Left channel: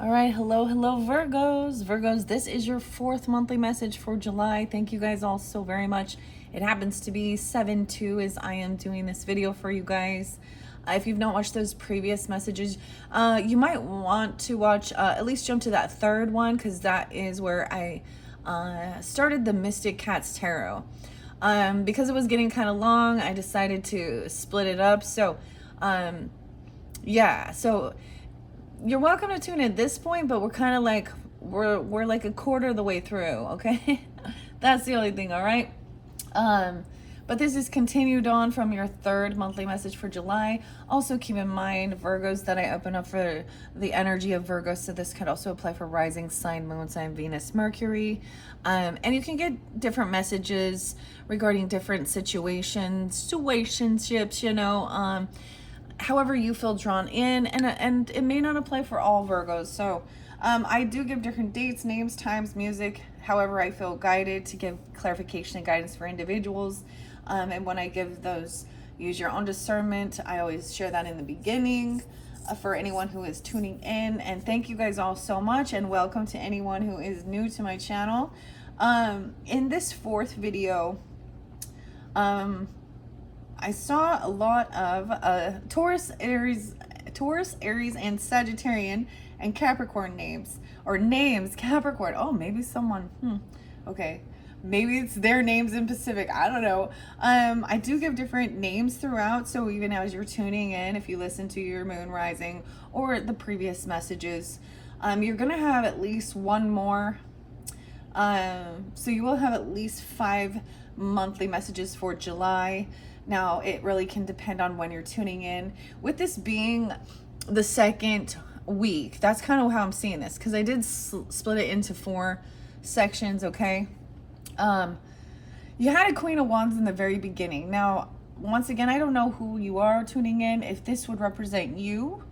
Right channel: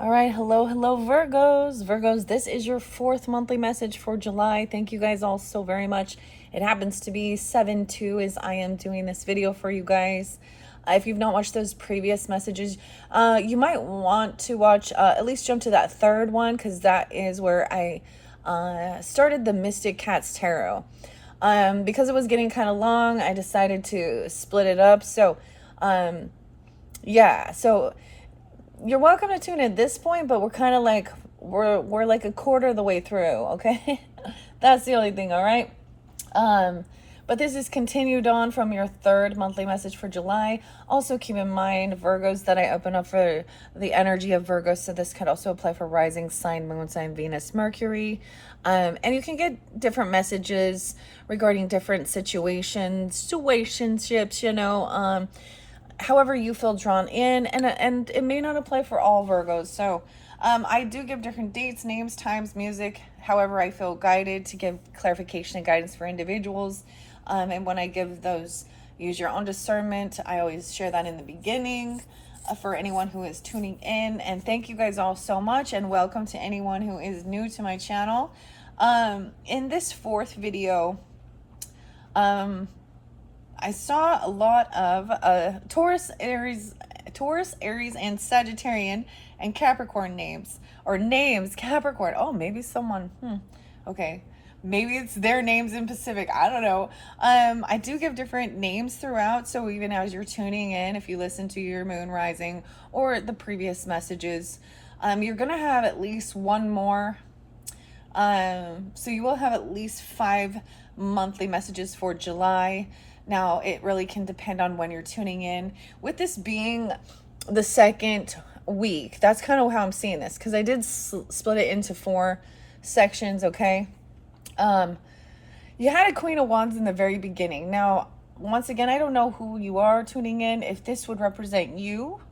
All right, hello, Virgos. Virgos, this is your fourth monthly message for July. Thank you guys all so very much. It happens to be 7/2 as I am doing this video for you guys. If you've not watched those previous messages, you might want to watch, at least jump to that third one, because that is where I started the Mystic Cats Tarot. Because it was getting kind of long, I decided to split it up. So, yeah, so you're welcome to tune in at this point, but we're kind of like we're like a quarter of the way through, okay? That's the only thing, all right? But this is continued on from your third monthly message for July. Also keep in mind, Virgos, that I open up for the energy of Virgo, so this could also apply for rising sign, moon sign, Venus, Mercury. And you can get different messages regarding different situationships, however you feel drawn in, and it may not apply for all Virgos. So I do give different dates, names, times, music, however I feel guided to give clarification and guidance for individuals. And when I give those, use your own discernment. I always share that in the beginning for anyone who is tuning in. And thank you guys all so much, and welcome to anyone who is new to my channel. In this fourth video, I saw a lot of Taurus, Aries, and Sagittarian and Capricorn names. Or names, Capricorn. Oh, maybe someone, okay. Maybe it's their names in Pacific. I don't know. I do give different names throughout. So even as you're tuning in, if you listen to your moon rising or the previous messages, you're going to have at least one more. So you will have at least 5 monthly messages for July. Now, it really can depend on when you're tuning in. With this being the second week, that's kind of how I'm seeing this, because I did split it into 4 sections, okay? You had a Queen of Wands in the very beginning. Now, once again, I don't know who you are tuning in, if this would represent you,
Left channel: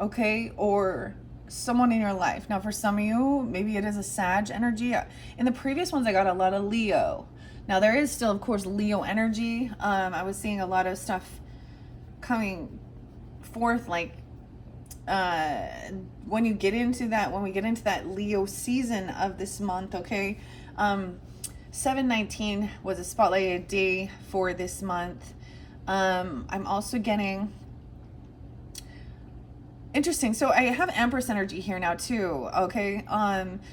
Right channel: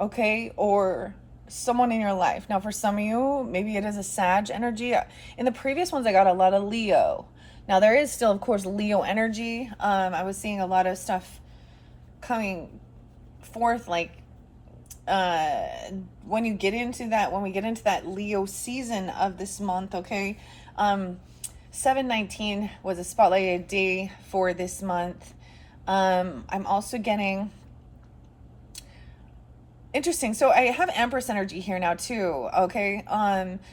okay, or someone in your life. Now, for some of you, maybe it is a Sag energy. In the previous ones, I got a lot of Leo. Now, there is still, of course, Leo energy. I was seeing a lot of stuff coming forth, like when we get into that Leo season of this month, okay? 7/19 was a spotlighted day for this month. I'm also getting... Interesting. So I have Empress energy here now too, okay?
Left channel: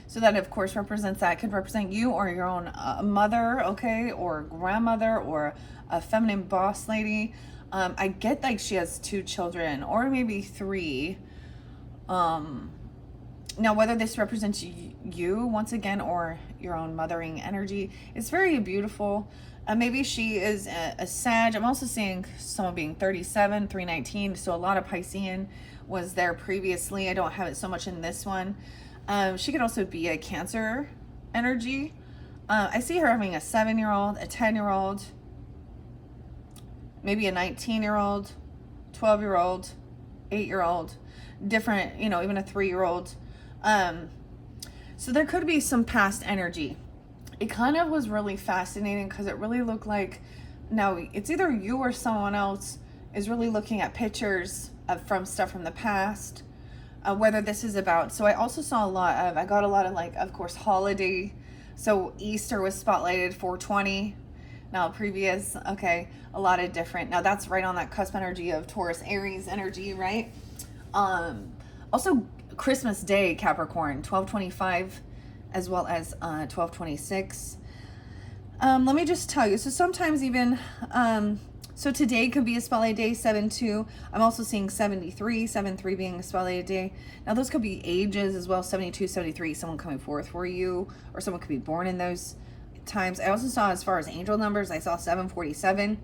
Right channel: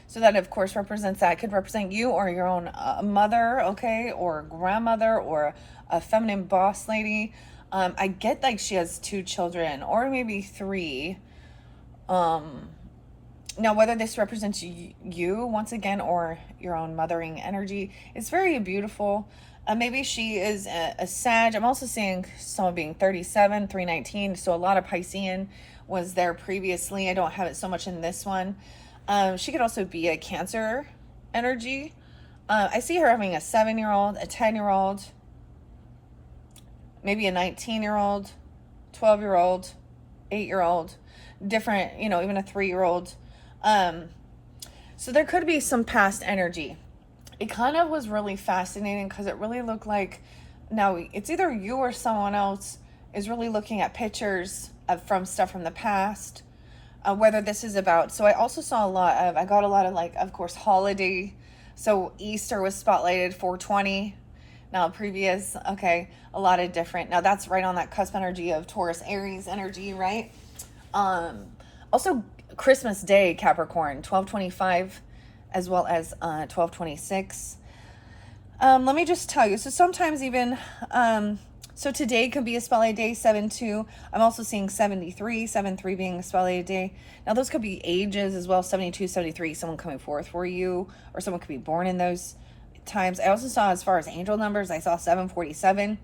So that, of course, represents that. It could represent you or your own mother, okay? Or grandmother, or a feminine boss lady. I get like she has 2 children, or maybe 3. Now, whether this represents you, once again, or your own mothering energy, it's very beautiful. Maybe she is a Sag. I'm also seeing someone being 37, 319, so a lot of Piscean was there previously. I don't have it so much in this one. She could also be a Cancer energy. I see her having a 7-year-old, a 10-year-old, maybe a 19-year-old, 12-year-old, 8-year-old, different, even a 3-year-old. So there could be some past energy. It kind of was really fascinating because it really looked like, now it's either you or someone else is really looking at pictures from stuff from the past, whether this is about. So I also saw I got a lot of, like, of course, holiday. So Easter was spotlighted, 420. Now previous, okay, a lot of different. Now that's right on that cusp energy of Taurus, Aries energy, right? Also Christmas Day, Capricorn, 1225, as well as 1226. Let me just tell you. So sometimes even, so today could be a spotlight day, 7/2. I'm also seeing 73, 7/3 being a spotlight day. Now those could be ages as well, 72, 73, someone coming forth for you, or someone could be born in those times. I also saw, as far as angel numbers, I saw 747.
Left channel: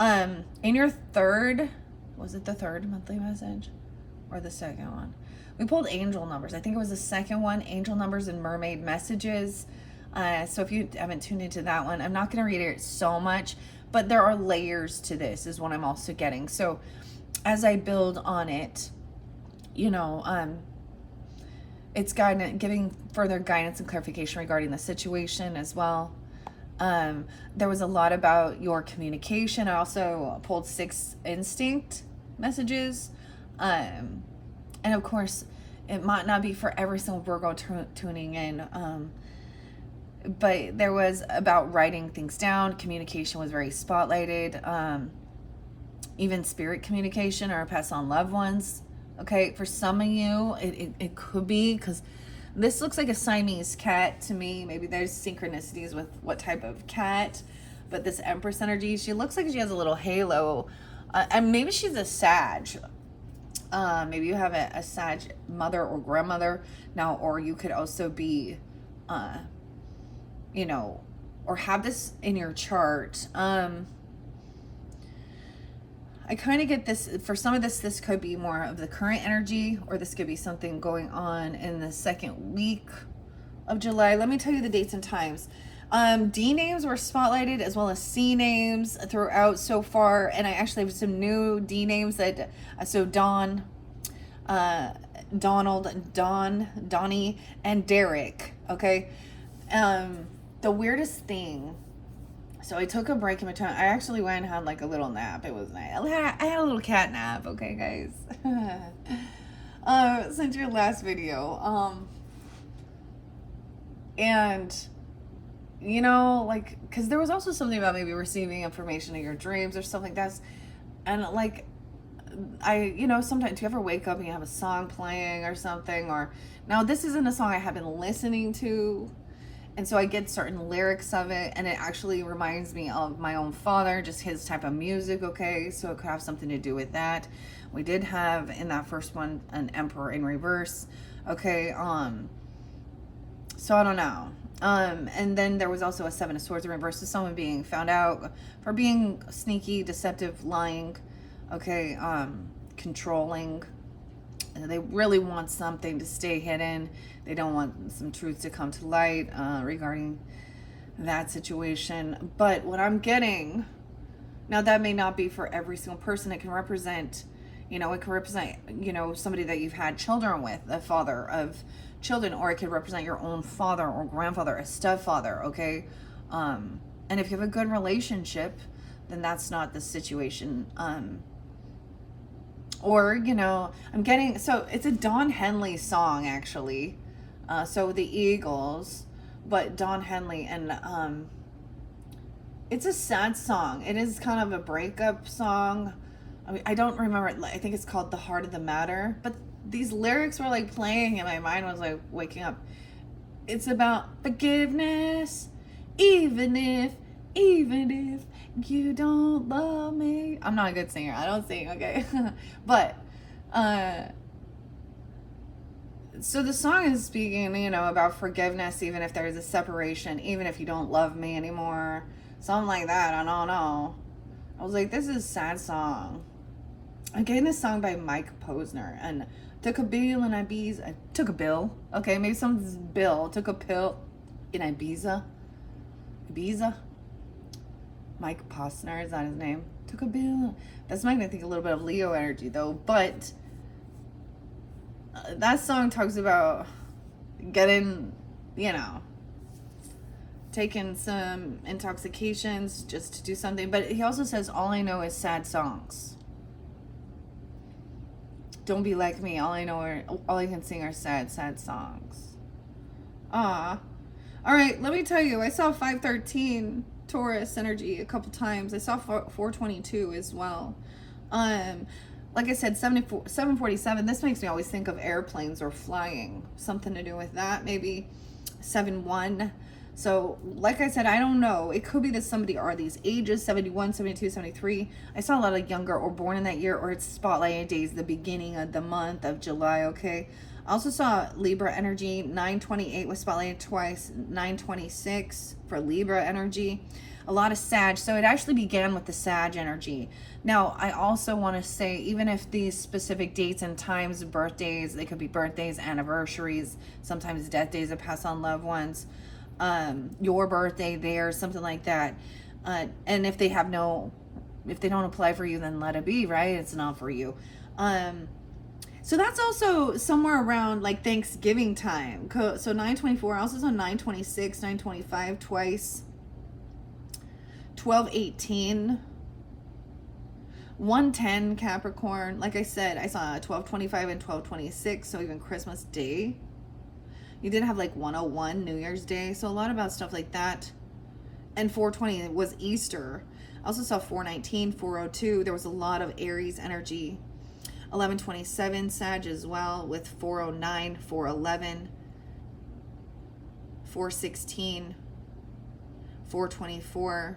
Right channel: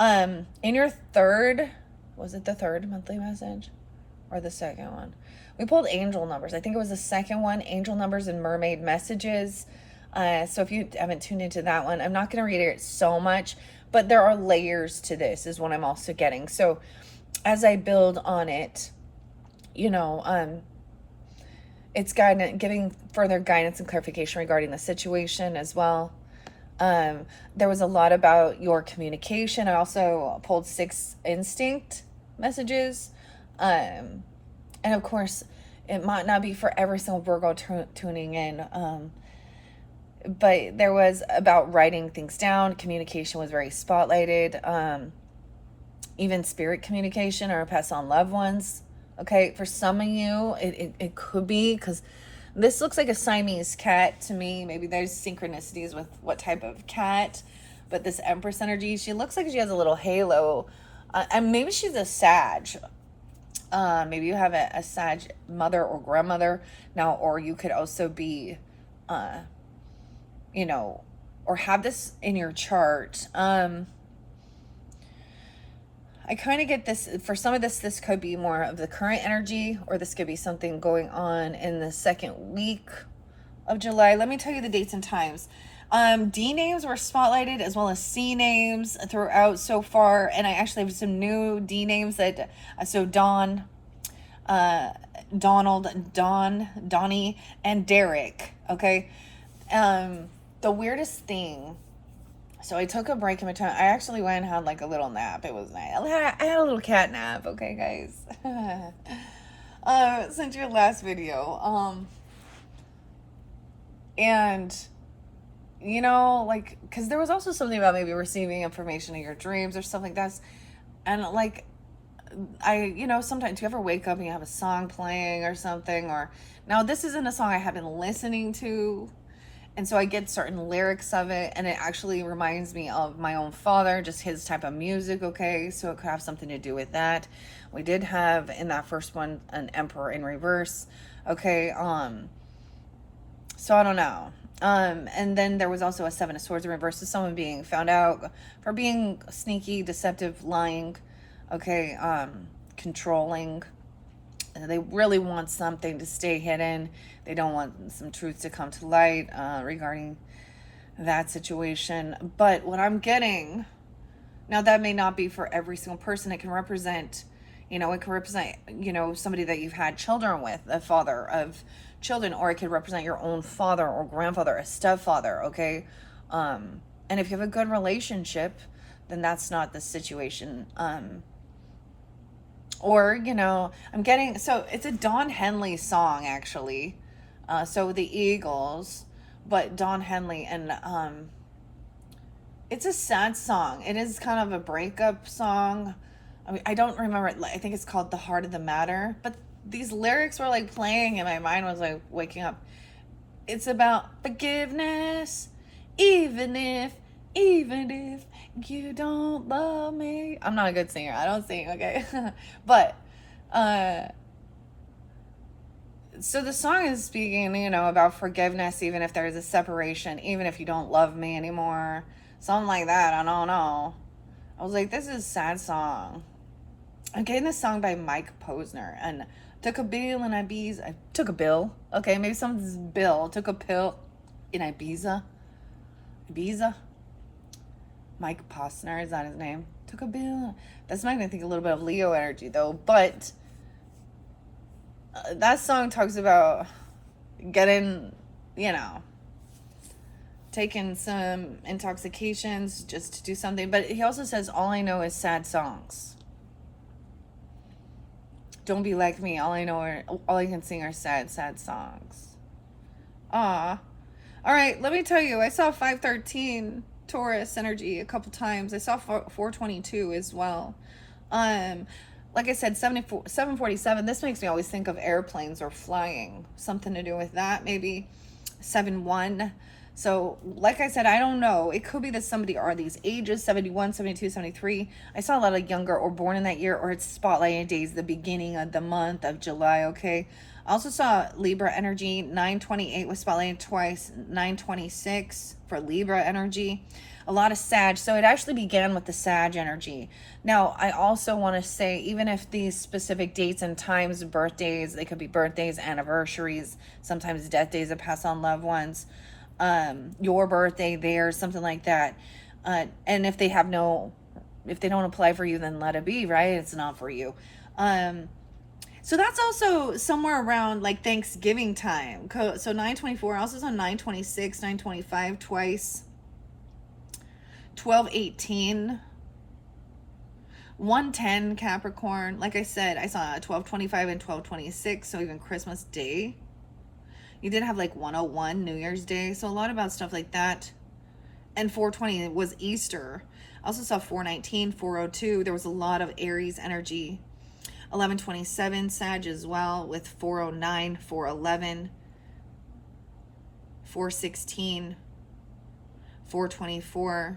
In your third, was it the third monthly message or the second one? We pulled angel numbers. I think it was the second one, angel numbers and mermaid messages. So if you haven't tuned into that one, I'm not going to read it so much, but there are layers to this is what I'm also getting. So as I build on it, it's giving further guidance and clarification regarding the situation as well. There was a lot about your communication. I also pulled 6 instinct messages. And of course, it might not be for every single Virgo tuning in. But there was about writing things down. Communication was very spotlighted. Even spirit communication or pass on loved ones. Okay, for some of you, it could be because this looks like a Siamese cat to me. Maybe there's synchronicities with what type of cat. But this Empress energy, she looks like she has a little halo. And maybe she's a Sag. Maybe you have a Sag mother or grandmother now, or you could also be, you know, or have this in your chart. I kind of get this, for some of this could be more of the current energy, or this could be something going on in the second week of July. Let me tell you the dates and times. D names were spotlighted as well as C names throughout so far. And I actually have some new D names that, so Dawn, Donald, Don, Donnie, and Derek. Okay. The weirdest thing, so I took a break in my time. I actually went and had like a little nap. It was nice. I had a little cat nap. Okay, guys. Since your last video. And, you know, like, because there was also something about maybe receiving information in your dreams or stuff like that. And like, you know, sometimes, do you ever wake up and you have a song playing or something? Or, now this isn't a song I have been listening to. And so I get certain lyrics of it, and it actually reminds me of my own father, just his type of music, okay? So it could have something to do with that. We did have, in that first one, an Emperor in reverse, okay? So I don't know. And then there was also a Seven of Swords in reverse, so someone being found out for being sneaky, deceptive, lying, okay? Controlling. They really want something to stay hidden. They don't want some truth to come to light regarding that situation. But what I'm getting, now that may not be for every single person. It can represent, you know, somebody that you've had children with, a father of children, or it could represent your own father or grandfather, a stepfather, okay? And if you have a good relationship, then that's not the situation. Or, you know, I'm getting, so it's a Don Henley song, actually. So the Eagles, but Don Henley, and it's a sad song. It is kind of a breakup song. I mean, I don't remember it. I think it's called The Heart of the Matter. But these lyrics were like playing, and my mind was like waking up. It's about forgiveness, even if you don't love me. I'm not a good singer. I don't sing, okay? But, so the song is speaking, you know, about forgiveness, even if there's a separation, even if you don't love me anymore. Something like that. I don't know. I was like, this is a sad song. I'm getting this song by Mike Posner, and took a bill in Ibiza. Took a bill. Okay, maybe someone's bill. Took a pill in Ibiza. Mike Posner, is that his name? Took a bill. That's making me think a little bit of Leo energy, though. But that song talks about getting, you know, taking some intoxications just to do something. But he also says, all I know is sad songs. Don't be like me. All I can sing are sad songs. All right, let me tell you, I saw 513 Taurus energy a couple times. I saw 422 as well. Like I said, 747, this makes me always think of airplanes or flying. Something to do with that, maybe. 71. So, like I said, I don't know. It could be that somebody are these ages, 71, 72, 73. I saw a lot of younger or born in that year, or it's spotlighted days, the beginning of the month of July, okay? I also saw Libra energy. 928 was spotlighted twice. 926 for Libra energy. A lot of Sag. So it actually began with the Sag energy. Now, I also want to say, even if these specific dates and times, birthdays, they could be birthdays, anniversaries, sometimes death days that pass on loved ones, your birthday there, something like that. And if they don't apply for you, then let it be, right? It's not for you. So that's also somewhere around like Thanksgiving time. So 924, I also saw 926, 925 twice. 1218 110 Capricorn. Like I said, I saw 1225 and 1226, so even Christmas Day. You did have like 101 New Year's Day, so a lot about stuff like that. And 420 was Easter. I also saw 419, 402. There was a lot of Aries energy. 1127 Sag as well, with 409, 411, 416, 424.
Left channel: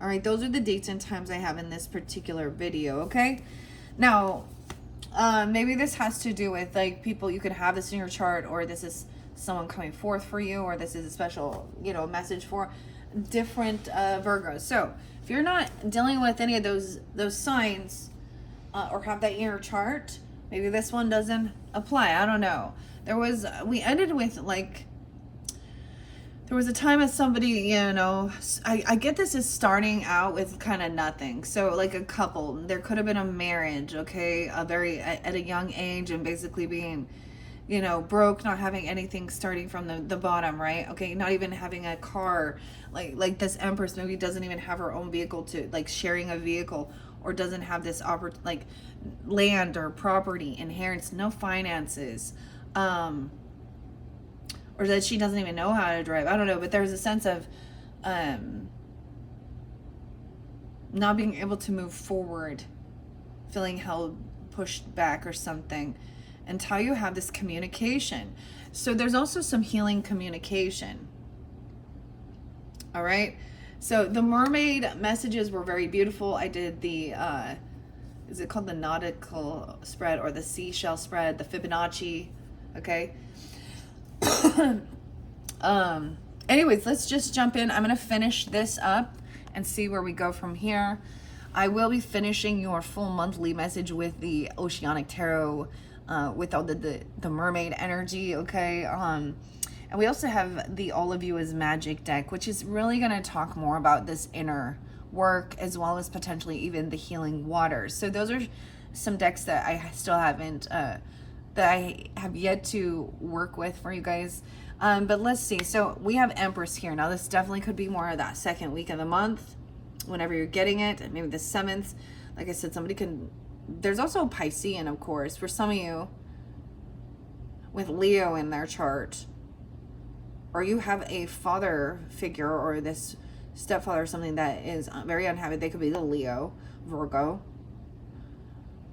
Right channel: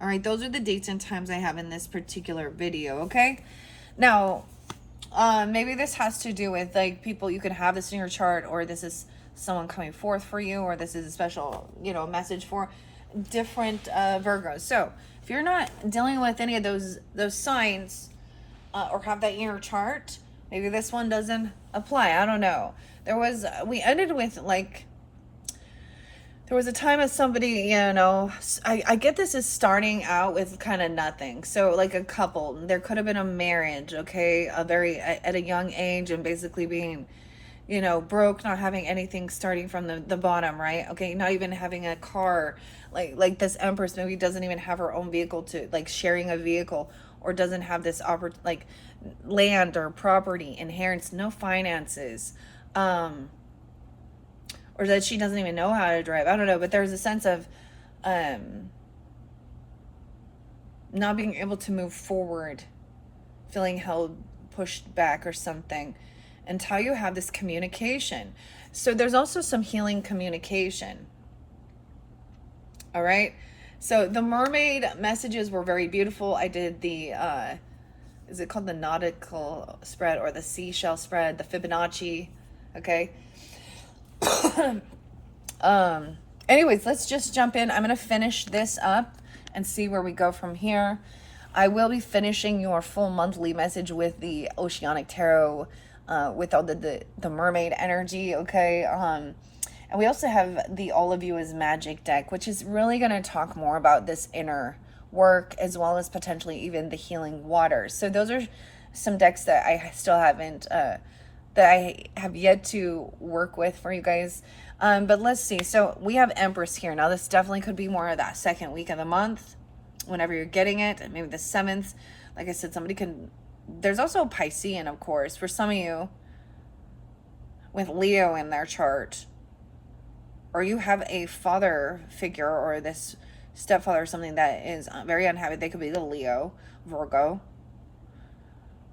All right, those are the dates and times I have in this particular video, okay? Now, maybe this has to do with, like, people, you could have this in your chart, or this is someone coming forth for you, or this is a special, you know, message for different Virgos. So, if you're not dealing with any of those signs, or have that in your chart, maybe this one doesn't apply. I don't know. We ended with, like, there was a time of somebody, you know, I get this is starting out with kind of nothing. So like a couple, there could have been a marriage, okay, at a young age, and basically being, you know, broke, not having anything, starting from the bottom, right? Okay, not even having a car, like this Empress maybe doesn't even have her own vehicle, to like sharing a vehicle, or doesn't have this like land or property, inheritance, no finances, or that she doesn't even know how to drive. I don't know, but there's a sense of not being able to move forward, feeling held, pushed back or something, until you have this communication. So there's also some healing communication. All right. So the mermaid messages were very beautiful. I did the, is it called the nautical spread, or the seashell spread, the Fibonacci? Okay. Anyways, let's just jump in. I'm going to finish this up and see where we go from here. I will be finishing your full monthly message with the Oceanic Tarot, with all the mermaid energy, okay? And we also have the All of You is Magic deck, which is really going to talk more about this inner work, as well as potentially even the healing waters. So those are some decks that I still haven't, that I have yet to work with for you guys. But let's see. So we have Empress here. Now this definitely could be more of that second week of the month, whenever you're getting it, and maybe the 7th. Like I said, somebody can, there's also Piscean, of course, for some of you with Leo in their chart, or you have a father figure, or this stepfather or something that is very unhappy. They could be the Leo, Virgo.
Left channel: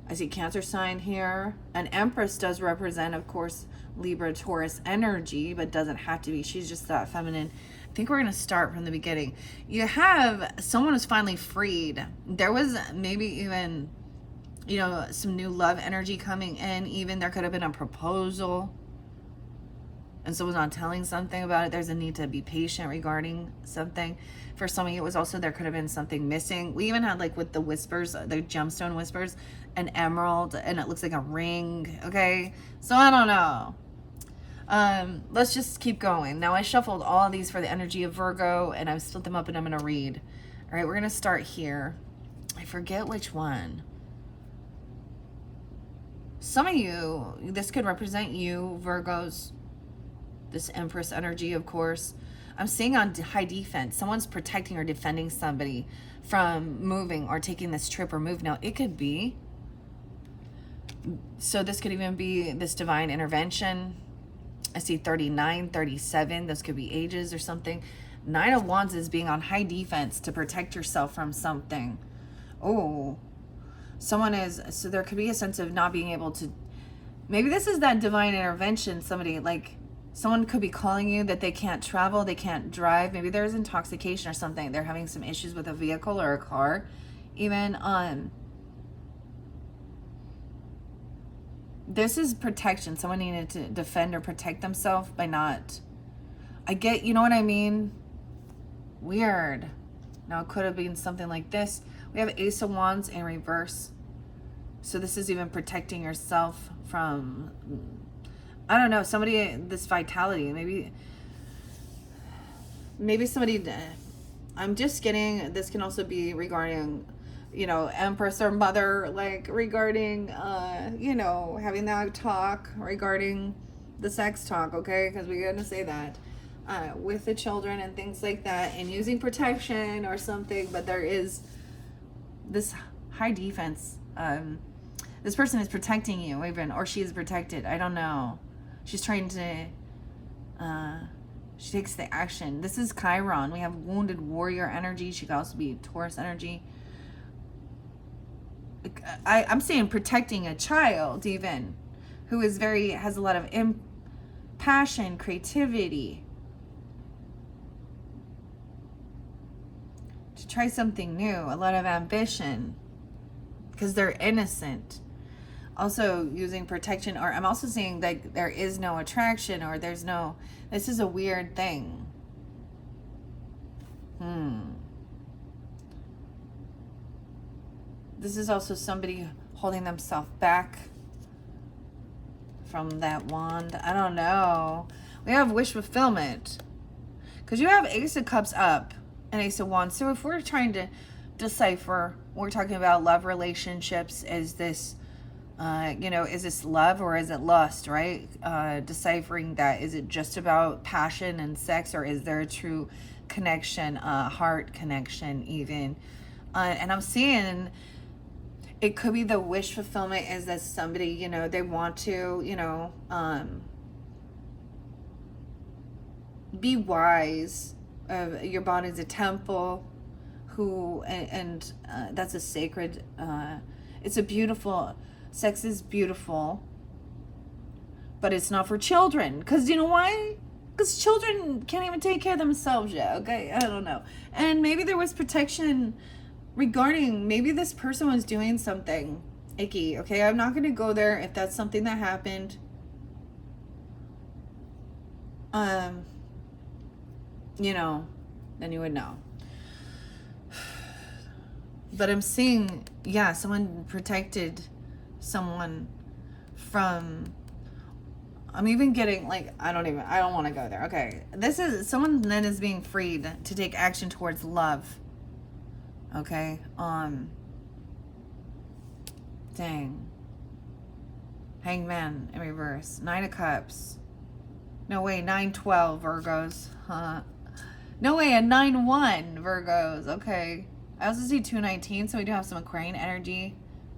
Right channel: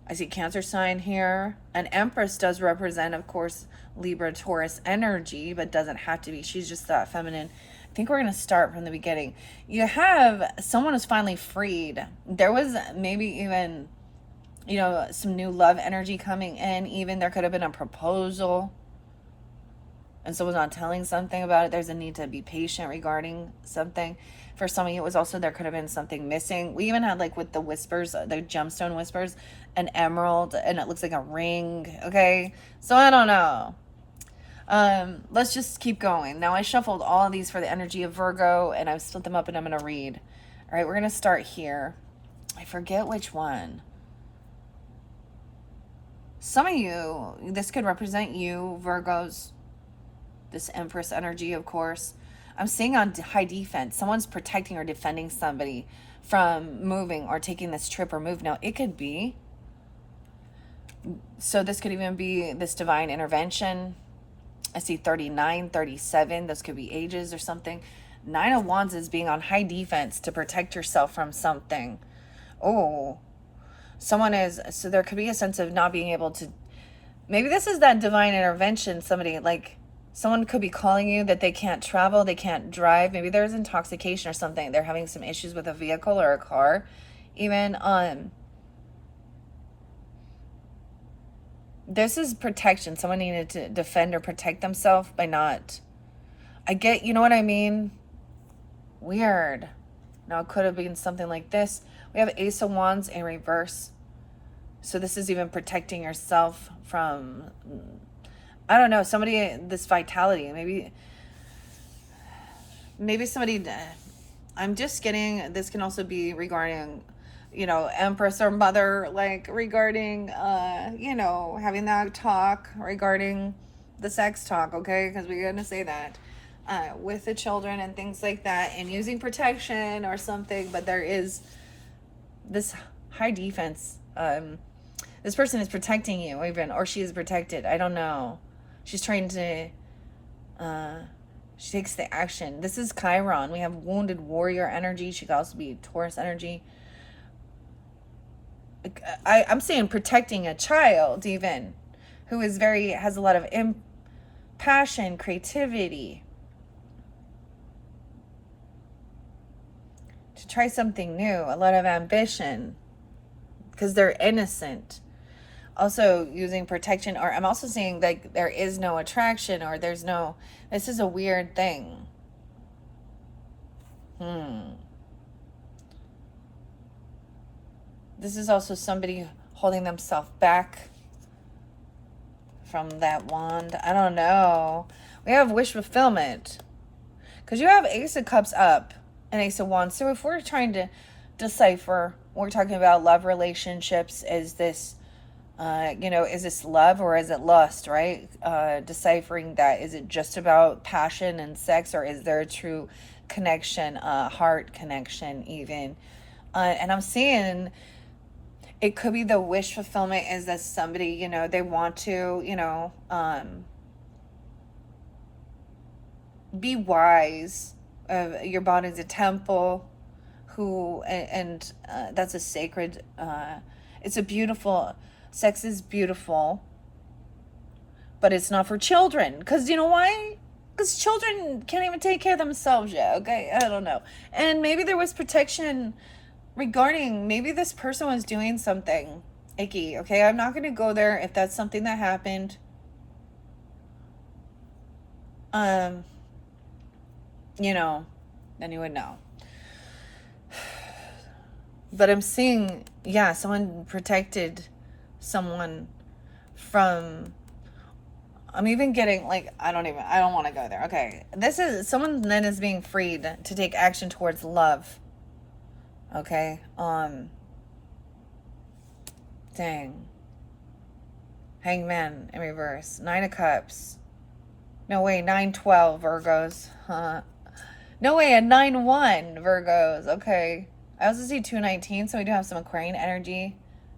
I see Cancer sign here. An Empress does represent, of course, Libra, Taurus energy, but doesn't have to be. She's just that feminine. I think we're going to start from the beginning. You have someone who's finally freed. There was maybe even, you know, some new love energy coming in. Even there could have been a proposal, and someone's not telling something about it. There's a need to be patient regarding something. For some of you, it was also, there could have been something missing. We even had, like, with the whispers, the gemstone whispers, an emerald, and it looks like a ring, okay? So I don't know. Let's just keep going. Now I shuffled all of these for the energy of Virgo, and I've split them up, and I'm going to read. All right, we're going to start here. I forget which one. Some of you, this could represent you, Virgos. This Empress energy, of course. I'm seeing on high defense. Someone's protecting or defending somebody from moving or taking this trip or move. Now, it could be. So this could even be this divine intervention. I see 39, 37. This could be ages or something. 9 of Wands is being on high defense to protect yourself from something. Oh, someone is, so there could be a sense of not being able to, maybe this is that divine intervention. Somebody, like, someone could be calling you that they can't travel, they can't drive. Maybe there's intoxication or something. They're having some issues with a vehicle or a car. Even this is protection. Someone needed to defend or protect themselves by not, I get, you know what I mean? Weird. Now it could have been something like this. We have Ace of Wands in reverse. So this is even protecting yourself from, I don't know, somebody, this vitality, maybe somebody, I'm just getting, this can also be regarding, you know, Empress or Mother, like regarding, you know, having that talk regarding the sex talk, okay? Because we're going to say that with the children and things like that, and using protection or something, but there is this high defense. This person is protecting you, even, or she is protected. I don't know. She's trying to, she takes the action. This is Chiron. We have wounded warrior energy. She could also be Taurus energy. I'm saying protecting a child, even, who is has a lot of passion, creativity, to try something new, a lot of ambition, because they're innocent. Also using protection, or I'm also seeing like there is no attraction, or this is a weird thing. This is also somebody holding themselves back from that wand. I don't know. We have wish fulfillment, because you have Ace of Cups up and Ace of Wands. So if we're trying to decipher, we're talking about love relationships. Is this, is this love or is it lust, right? Deciphering that. Is it just about passion and sex, or is there a true connection, heart connection even? And I'm seeing it could be the wish fulfillment is that somebody, they want to, be wise. Your body's a temple, and that's a sacred, it's a beautiful, sex is beautiful, but it's not for children. Because you know why? Because children can't even take care of themselves yet, okay? I don't know. And maybe there was protection regarding, maybe this person was doing something icky, okay? I'm not going to go there if that's something that happened. Then you would know. But I'm seeing, someone protected someone from, I'm even getting like, I don't want to go there. Okay. This is, someone then is being freed to take action towards love. Okay. Dang. Hangman in reverse. 9 of Cups. No way, 9-12 Virgos. No way, a 9-1 Virgos. Okay. I also see 2-19, so we do have some Aquarian energy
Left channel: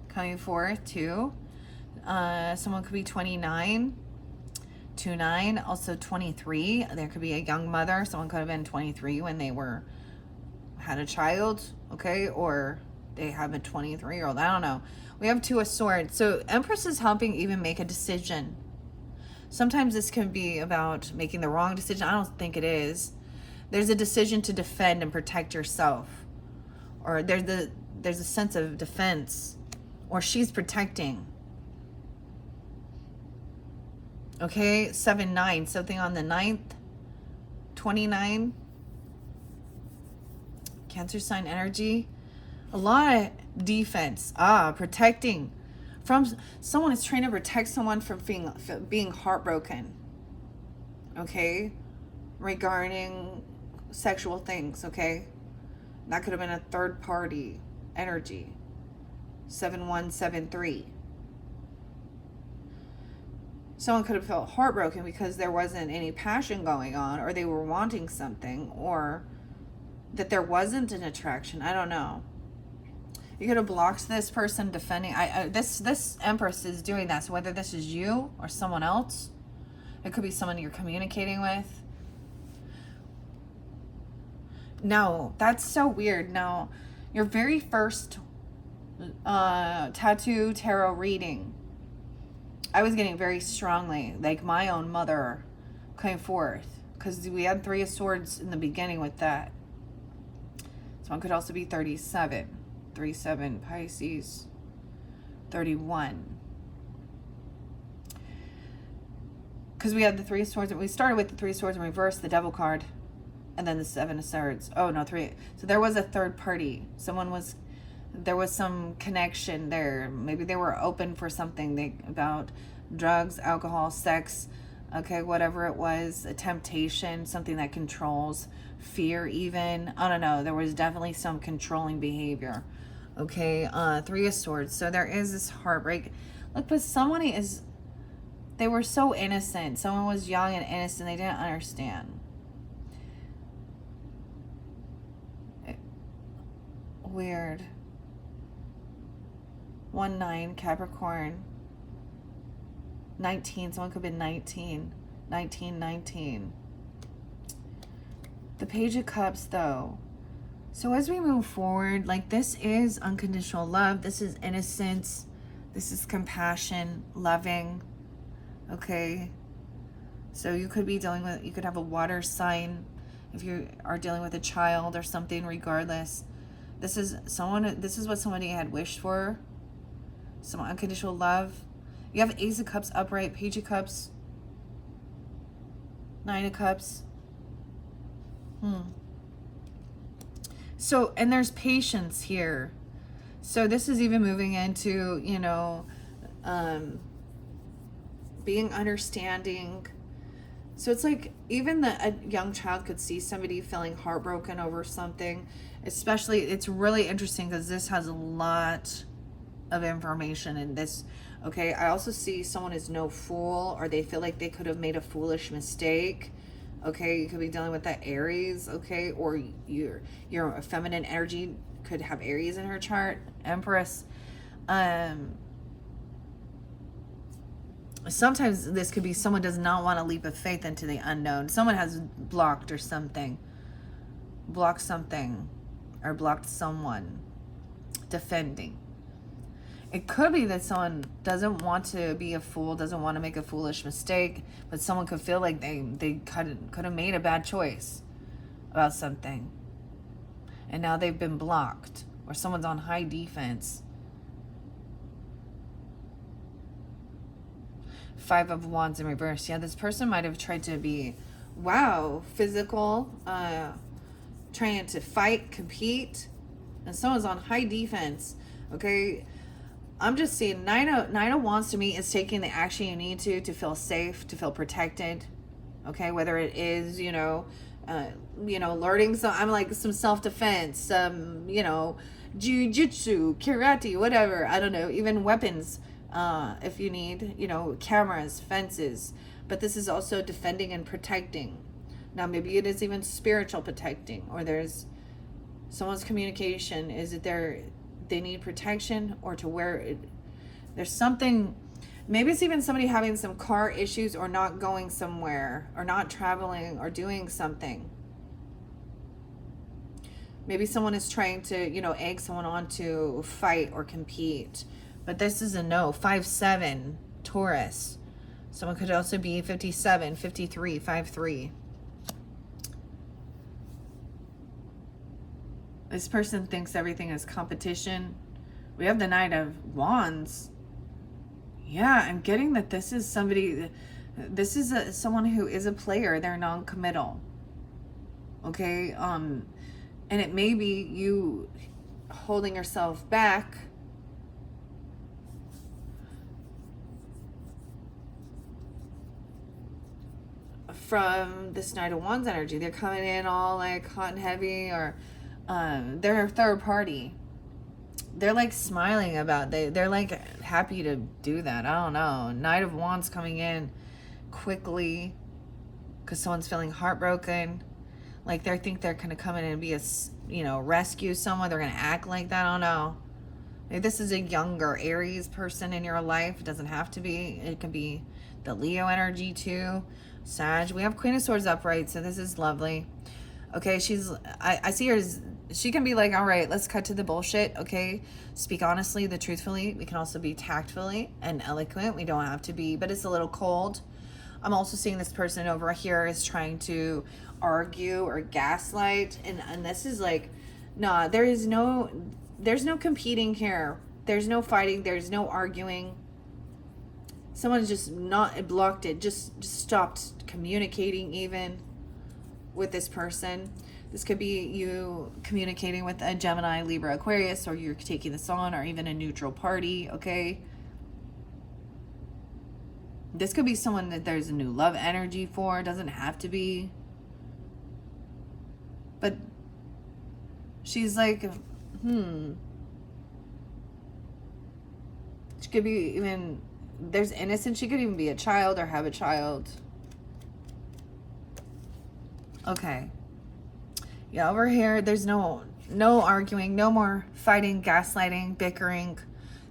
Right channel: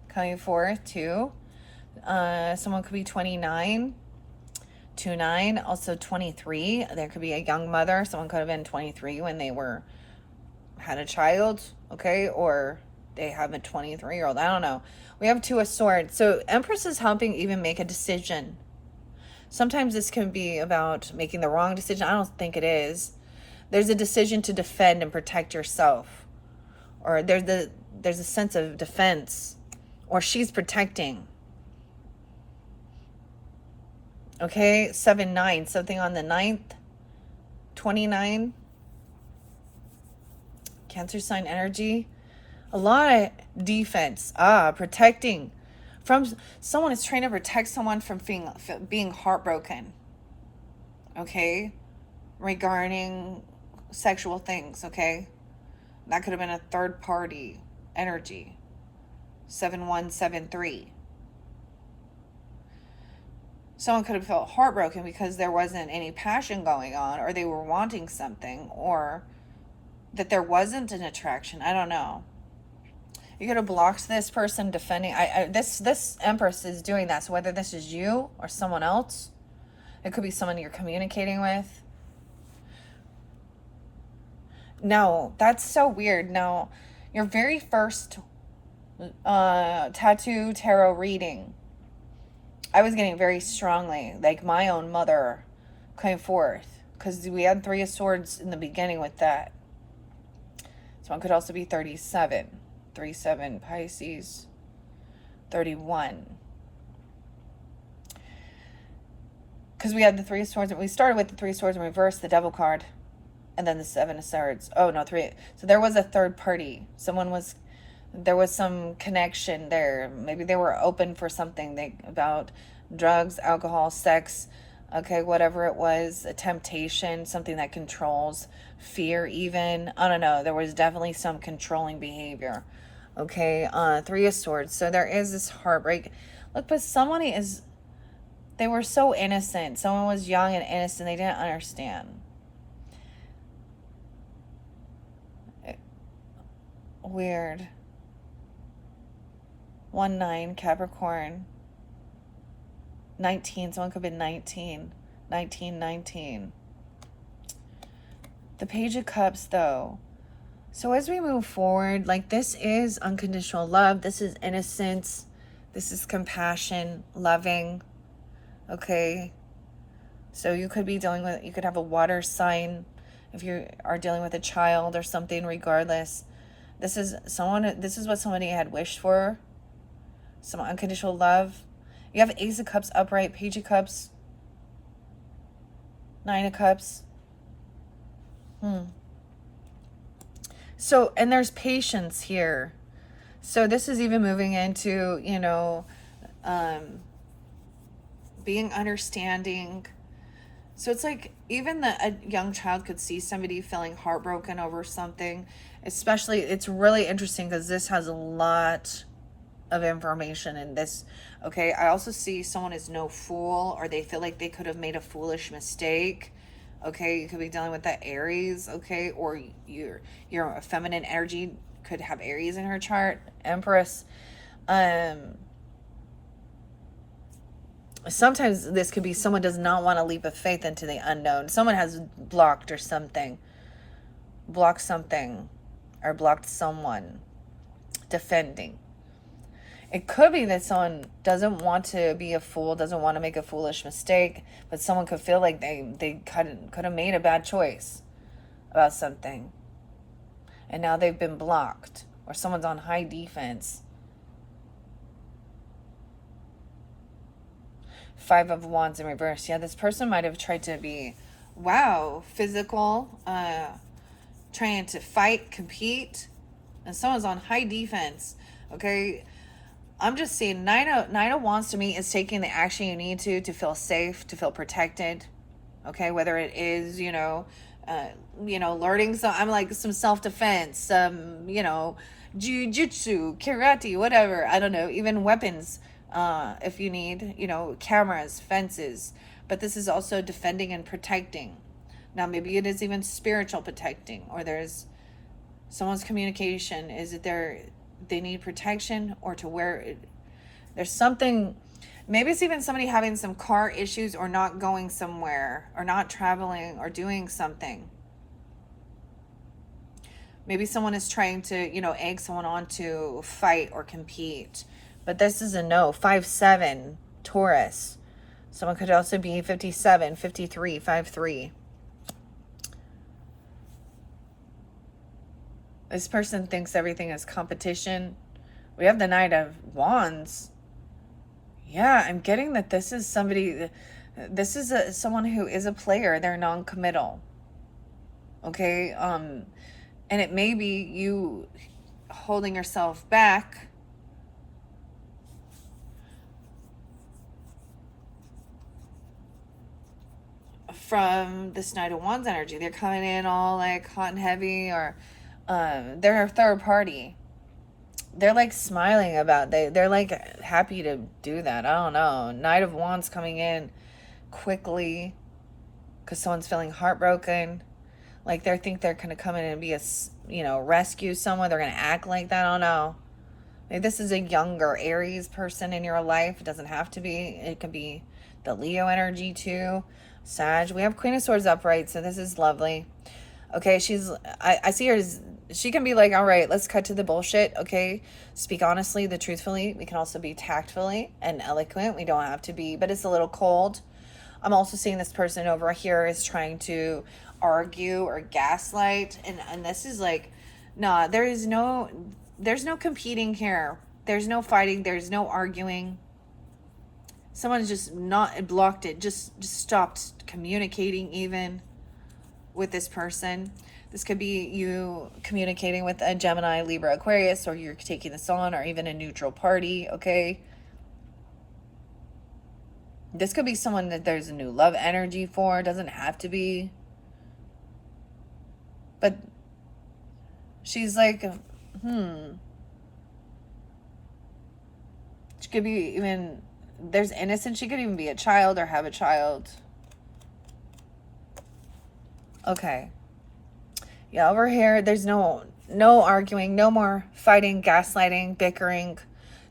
coming forth too. Someone could be 29. 2-9, also 23. There could be a young mother. Someone could have been 23 when they had a child, okay? Or they have a 23-year-old. I don't know. We have 2 of Swords. So Empress is helping even make a decision. Sometimes this can be about making the wrong decision. I don't think it is. There's a decision to defend and protect yourself. Or there's a sense of defense. Or she's protecting. Okay, 7-9. Something on the 9th. 29. Cancer sign energy. A lot of defense. Protecting. From someone is trying to protect someone from being heartbroken. Okay? Regarding sexual things, okay? That could have been a third party energy. 7-1, 7-3. Someone could have felt heartbroken because there wasn't any passion going on, or they were wanting something, or that there wasn't an attraction. I don't know. You're going to block this person defending. This Empress is doing that. So whether this is you or someone else, it could be someone you're communicating with. No, that's so weird. Now, your very first tattoo tarot reading, I was getting very strongly, like my own mother came forth, because we had 3 of Swords in the beginning with that. Someone could also be 37. 3-7 Pisces. 31. Because we had the 3 of Swords. We started with the 3 of Swords in reverse, the Devil card, and then the 7 of Swords. Oh, no, 3. So there was a third party. There was some connection there. Maybe they were open for something about drugs, alcohol, sex, okay, whatever it was, a temptation, something that controls, fear even. I don't know. There was definitely some controlling behavior. Okay, 3 of Swords. So there is this heartbreak. Look, but they were so innocent. Someone was young and innocent. They didn't understand. Weird. 1-9, Capricorn. 19, someone could be 19. 19. The Page of Cups, though. So as we move forward, like, this is unconditional love. This is innocence. This is compassion, loving. Okay. So you could be dealing with, you could have a water sign if you are dealing with a child or something, regardless. This is what somebody had wished for. Some unconditional love. You have Ace of Cups upright, Page of Cups, 9 of Cups. So, and there's patience here. So this is even moving into, you know, being understanding. So it's like even a young child could see somebody feeling heartbroken over something. Especially, it's really interesting because this has a lot of information in this. Okay, I also see someone is no fool, or they feel like they could have made a foolish mistake. Okay, you could be dealing with that Aries. Okay, or your feminine energy could have Aries in her chart, Empress. Sometimes this could be someone does not want to leap of faith into the unknown. Someone has blocked or something. Blocked something. Or blocked someone. Defending. It could be that someone doesn't want to be a fool, doesn't want to make a foolish mistake, but someone could feel like they could have made a bad choice about something. And now they've been blocked. Or someone's on high defense. 5 of Wands in reverse. Yeah, this person might have tried to be, wow, physical, trying to fight, compete, and someone's on high defense. Okay, I'm just seeing nine of Wands to me is taking the action you need to feel safe, to feel protected. Okay, whether it is, learning some, I'm like some self-defense, jiu-jitsu, karate, whatever. I don't know, even weapons. If you need, cameras, fences. But this is also defending and protecting. Now, maybe it is even spiritual protecting, or there's someone's communication. Is it they need protection, or to where there's something, maybe it's even somebody having some car issues, or not going somewhere, or not traveling, or doing something. Maybe someone is trying to, egg someone on to fight or compete. But this is a no. 5-7, Taurus. Someone could also be 57, 53, 5-3. This person thinks everything is competition. We have the Knight of Wands. Yeah, I'm getting that this is somebody, someone who is a player. They're non-committal. Okay? And it may be you holding yourself back from this Knight of Wands energy. They're coming in all like hot and heavy, or they're a third party. They're like smiling about they're like happy to do that. I don't know. Knight of Wands coming in quickly because someone's feeling heartbroken. Like they think they're gonna come in and be rescue someone. They're gonna act like that. I don't know. Maybe this is a younger Aries person in your life. It doesn't have to be. It could be the Leo energy too. Sag. We have Queen of Swords upright, so this is lovely. Okay, I see her as, she can be like, all right, let's cut to the bullshit, okay? Speak honestly, truthfully. We can also be tactfully and eloquent. We don't have to be, but it's a little cold. I'm also seeing this person over here is trying to argue or gaslight, and this is like, nah, there's no competing here. There's no fighting. There's no arguing. Someone's just not blocked it, just stopped communicating even with this person. This could be you communicating with a Gemini, Libra, Aquarius, or you're taking this on, or even a neutral party, okay? This could be someone that there's a new love energy for. It doesn't have to be. But she's like, She could be even, there's innocence. She could even be a child or have a child. Okay. Yeah, over here, there's no arguing, no more fighting, gaslighting, bickering,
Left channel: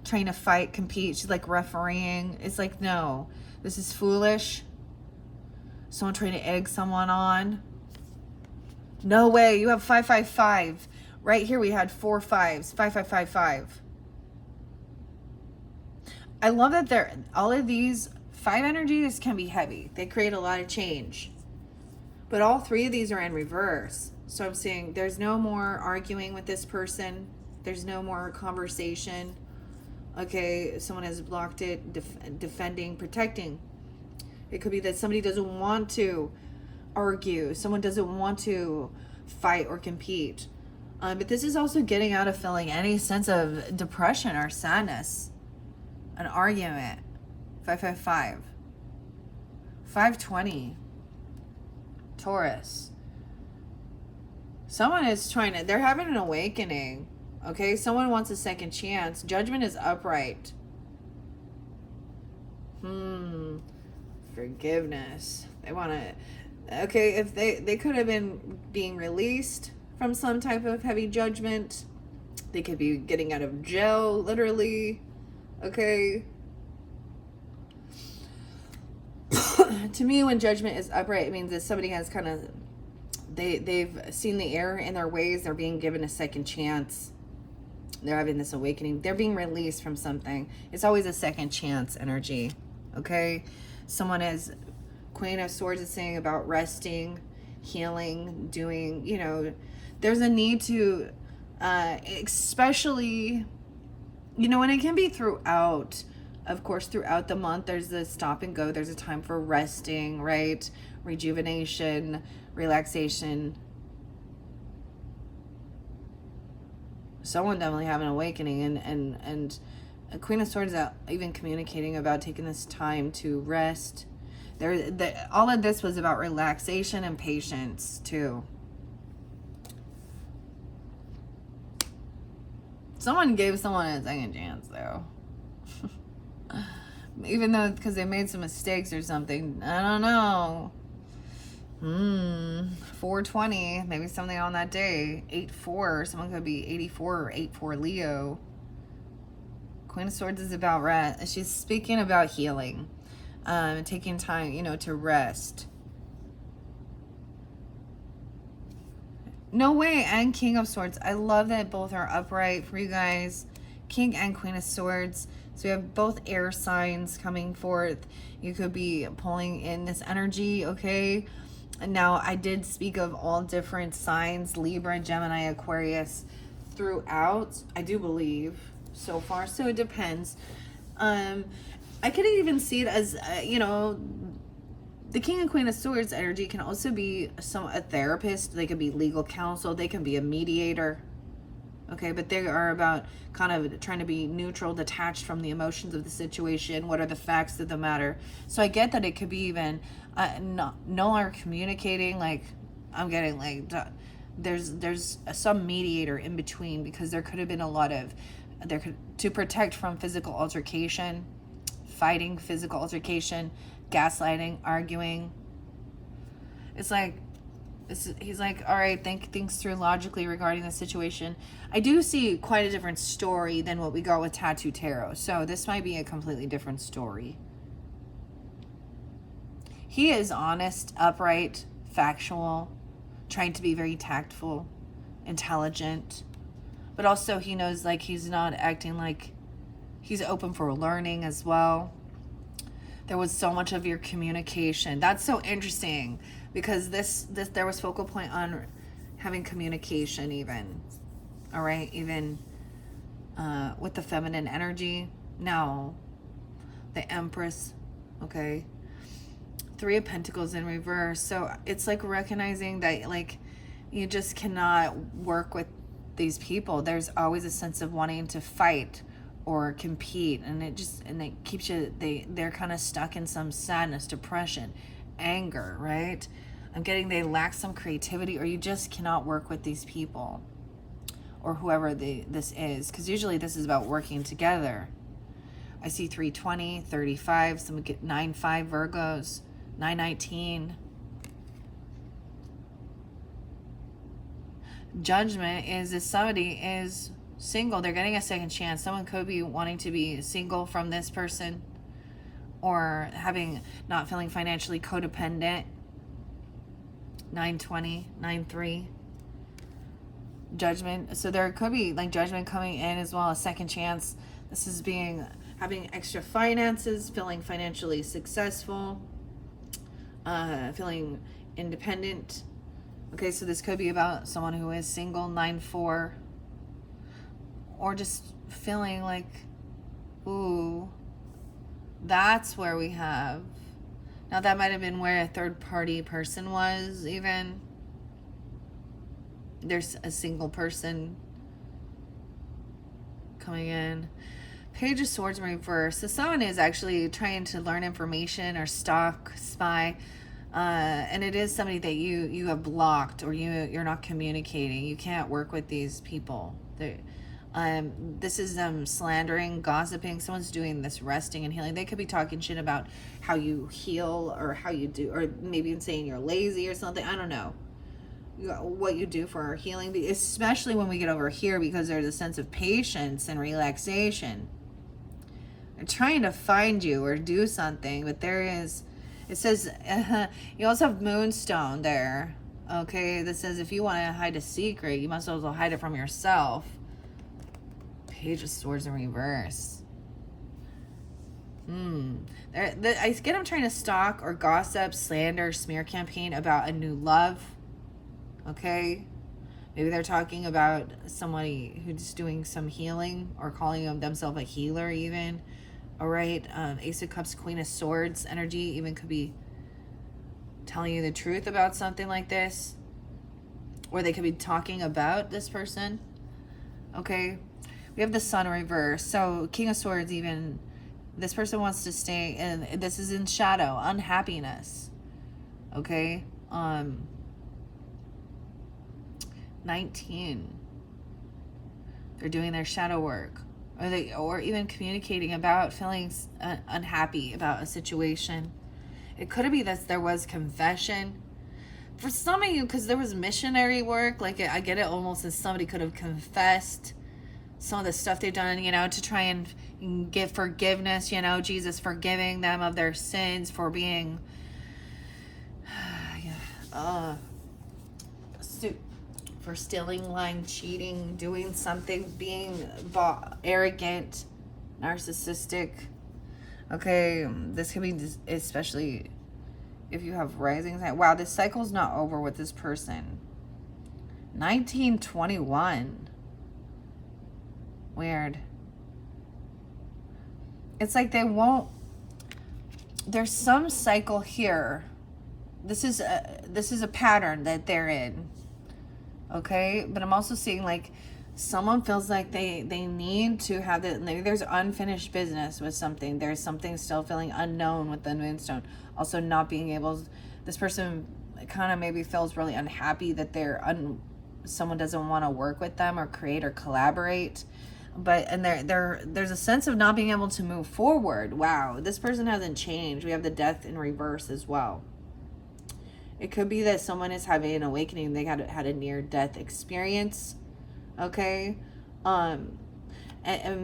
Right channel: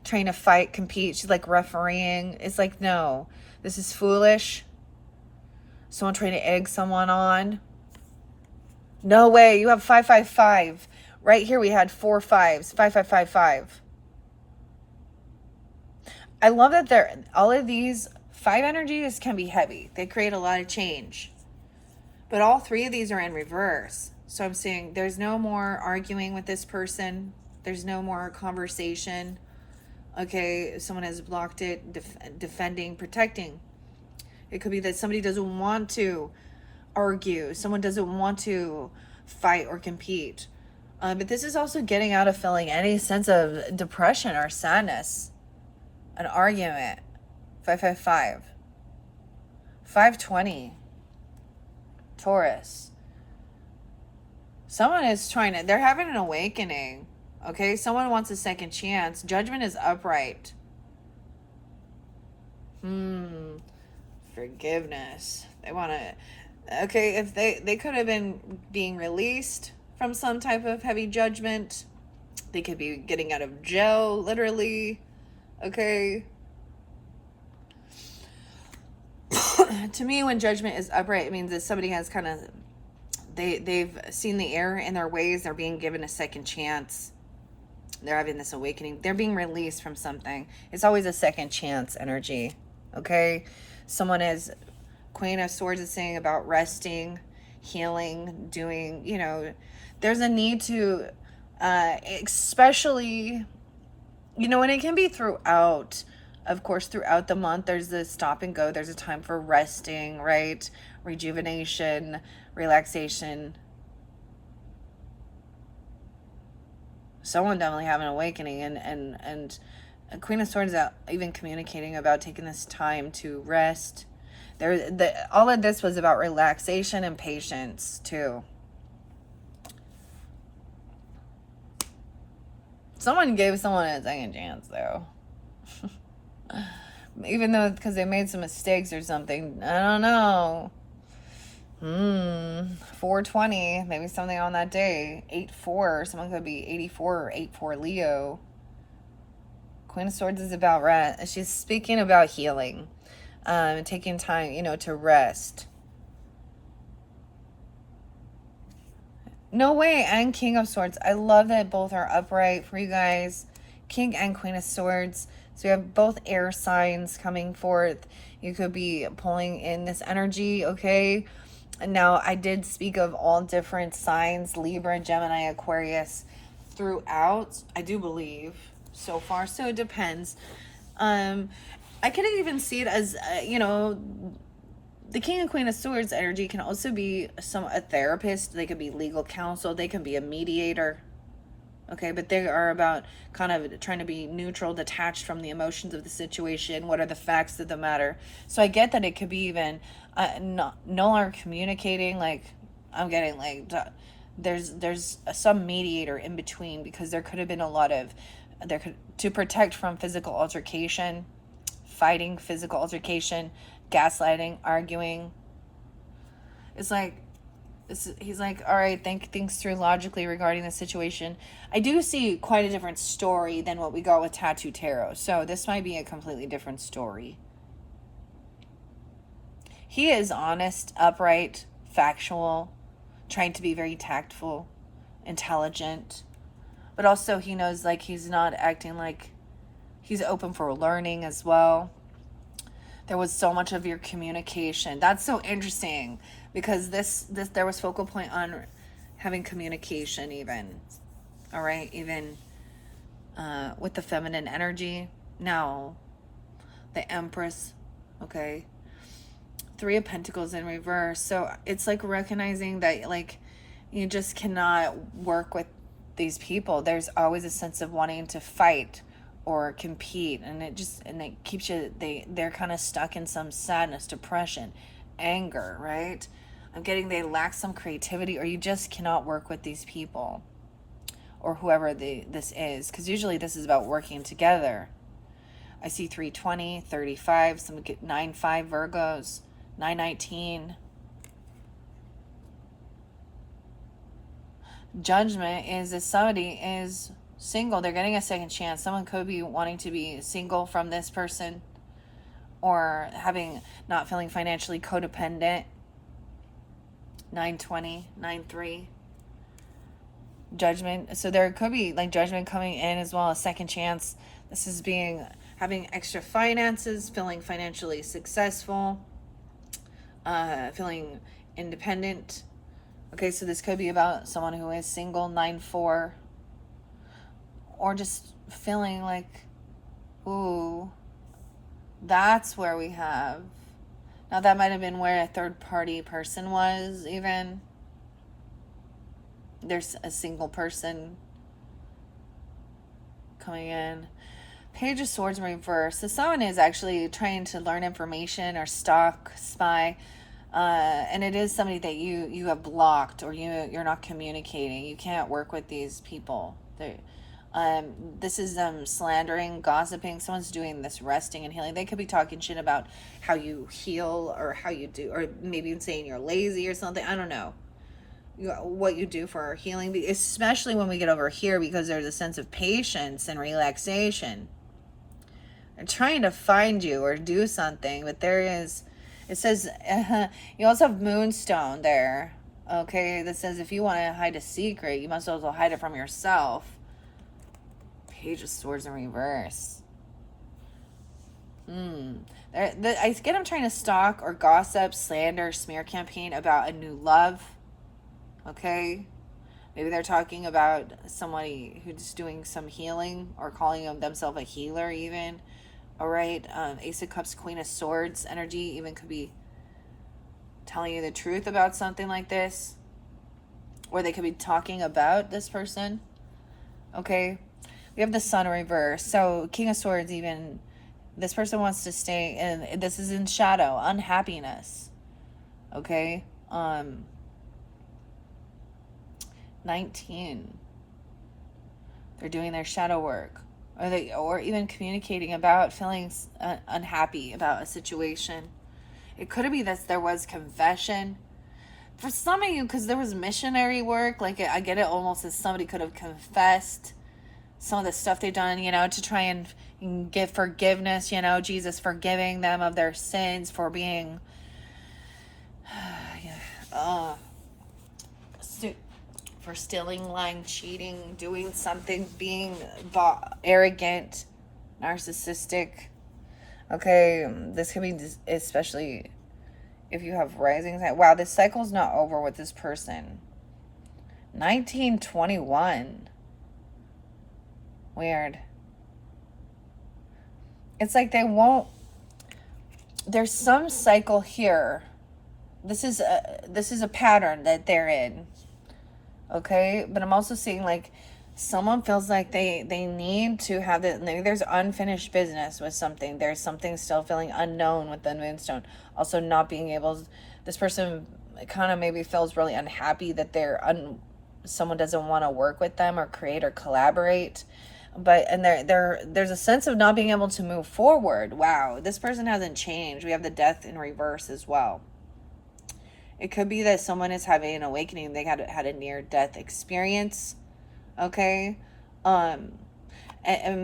trying to fight, compete. She's like refereeing. It's like, no, this is foolish. Someone trying to egg someone on. No way. You have 555. Right here we had 4 5s. 5555. I love that all of these 5 energies can be heavy. They create a lot of change. But all 3 of these are in reverse. So I'm saying there's no more arguing with this person. There's no more conversation. Okay, someone has blocked it, defending, protecting. It could be that somebody doesn't want to argue. Someone doesn't want to fight or compete. But this is also getting out of feeling any sense of depression or sadness. An argument. 555. 520. Taurus. Someone is they're having an awakening. Okay, someone wants a second chance. Judgment is upright. Forgiveness. They want to, okay, if they could have been being released from some type of heavy judgment. They could be getting out of jail, literally. Okay. To me, when judgment is upright, it means that somebody has kind of, they've seen the error in their ways. They're being given a second chance. They're having this awakening. They're being released from something. It's always a second chance energy. Okay. Someone is, Queen of Swords is saying about resting, healing, doing, you know, there's a need to, especially, you know, and it can be throughout, of course, throughout the month, there's the stop and go. There's a time for resting, right? Rejuvenation, relaxation. Someone definitely having an awakening, and Queen of Swords out even communicating about taking this time to rest. All of this was about relaxation and patience too. Someone gave someone a second chance though. Even though, because they made some mistakes or something. I don't know. 420. Maybe something on that day. 8-4. Someone could be 84 or 8-4 Leo. Queen of Swords is about rest. She's speaking about healing. Taking time, you know, to rest. No way. And King of Swords. I love that both are upright for you guys. King and Queen of Swords. So we have both air signs coming forth. You could be pulling in this energy, okay? And now I did speak of all different signs, Libra, Gemini, Aquarius, throughout, I do believe, so far. So it depends. I could even see it as, you know, the King and Queen of Swords energy can also be a therapist. They could be legal counsel. They can be a mediator. Okay, but they are about kind of trying to be neutral, detached from the emotions of the situation. What are the facts of the matter? So I get that it could be even no longer communicating. Like, I'm getting like there's some mediator in between, because there could have been a lot of to protect from physical altercation, fighting, physical altercation, gaslighting, arguing. It's like, he's like, all right, think things through logically regarding the situation. I do see quite a different story than what we got with Tattoo Tarot. So this might be a completely different story. He is honest, upright, factual, trying to be very tactful, intelligent. But also he knows, like, he's not acting like, he's open for learning as well. There was so much of your communication. That's so interesting, because this there was focal point on having communication even. All right, even with the feminine energy. Now, the Empress, okay? 3 of Pentacles in reverse. So it's like recognizing that, like, you just cannot work with these people. There's always a sense of wanting to fight or compete, and it keeps you, they're kind of stuck in some sadness, depression, anger, right? I'm getting they lack some creativity, or you just cannot work with these people, or whoever this is, because usually this is about working together. I see 320, 35, some get 9-5 Virgos, 9-19. Judgment is if somebody is single. They're getting a second chance. Someone could be wanting to be single from this person, or not feeling financially codependent. 920, 9-3. Judgment. So there could be like judgment coming in as well, a second chance. This is having extra finances, feeling financially successful, feeling independent. Okay, so this could be about someone who is single, 9-4, or just feeling like, ooh, that's where we have. Now that might have been where a third party person was, even. There's a single person coming in. Page of Swords in reverse. So someone is actually trying to learn information or stalk, spy. And it is somebody that you have blocked, or you're not communicating. You can't work with these people. This is slandering, gossiping. Someone's doing this resting and healing. They could be talking shit about how you heal, or how you do, or maybe saying you're lazy or something. I don't know what you do for healing, especially when we get over here, because there's a sense of patience and relaxation. They're trying to find you or do something, but it says, you also have Moonstone there. Okay, that says if you want to hide a secret, you must also hide it from yourself. Page of Swords in reverse. I get them trying to stalk or gossip, slander, smear campaign about a new love. Okay, maybe they're talking about somebody who's doing some healing, or calling themselves a healer even. All right, Ace of Cups, Queen of Swords energy even could be telling you the truth about something like this, or they could be talking about this person. Okay, we have the Sun reverse. So King of Swords, even this person wants to stay, and this is in shadow, unhappiness. Okay, 19. They're doing their shadow work, or even communicating about feeling unhappy about a situation. It could be that there was confession for some of you, because there was missionary work. Like, I get it almost as somebody could have confessed some of the stuff they've done, to try and give forgiveness, Jesus forgiving them of their sins for being for stealing, lying, cheating, doing something, being arrogant, narcissistic. Okay, this could be especially if you have rising sign. Wow, this cycle's not over with this person. 1921. Weird. It's like they won't. There's some cycle here. This is a pattern that they're in. Okay, but I'm also seeing like someone feels like they need to have that. Maybe there's unfinished business with something. There's something still feeling unknown with the Moonstone. Also, not being able. This person kind of maybe feels really unhappy that someone doesn't want to work with them or create or collaborate. But there's a sense of not being able to move forward. Wow, this person hasn't changed. We have the Death in reverse as well. It could be that someone is having an awakening. They had a near-death experience. Okay, and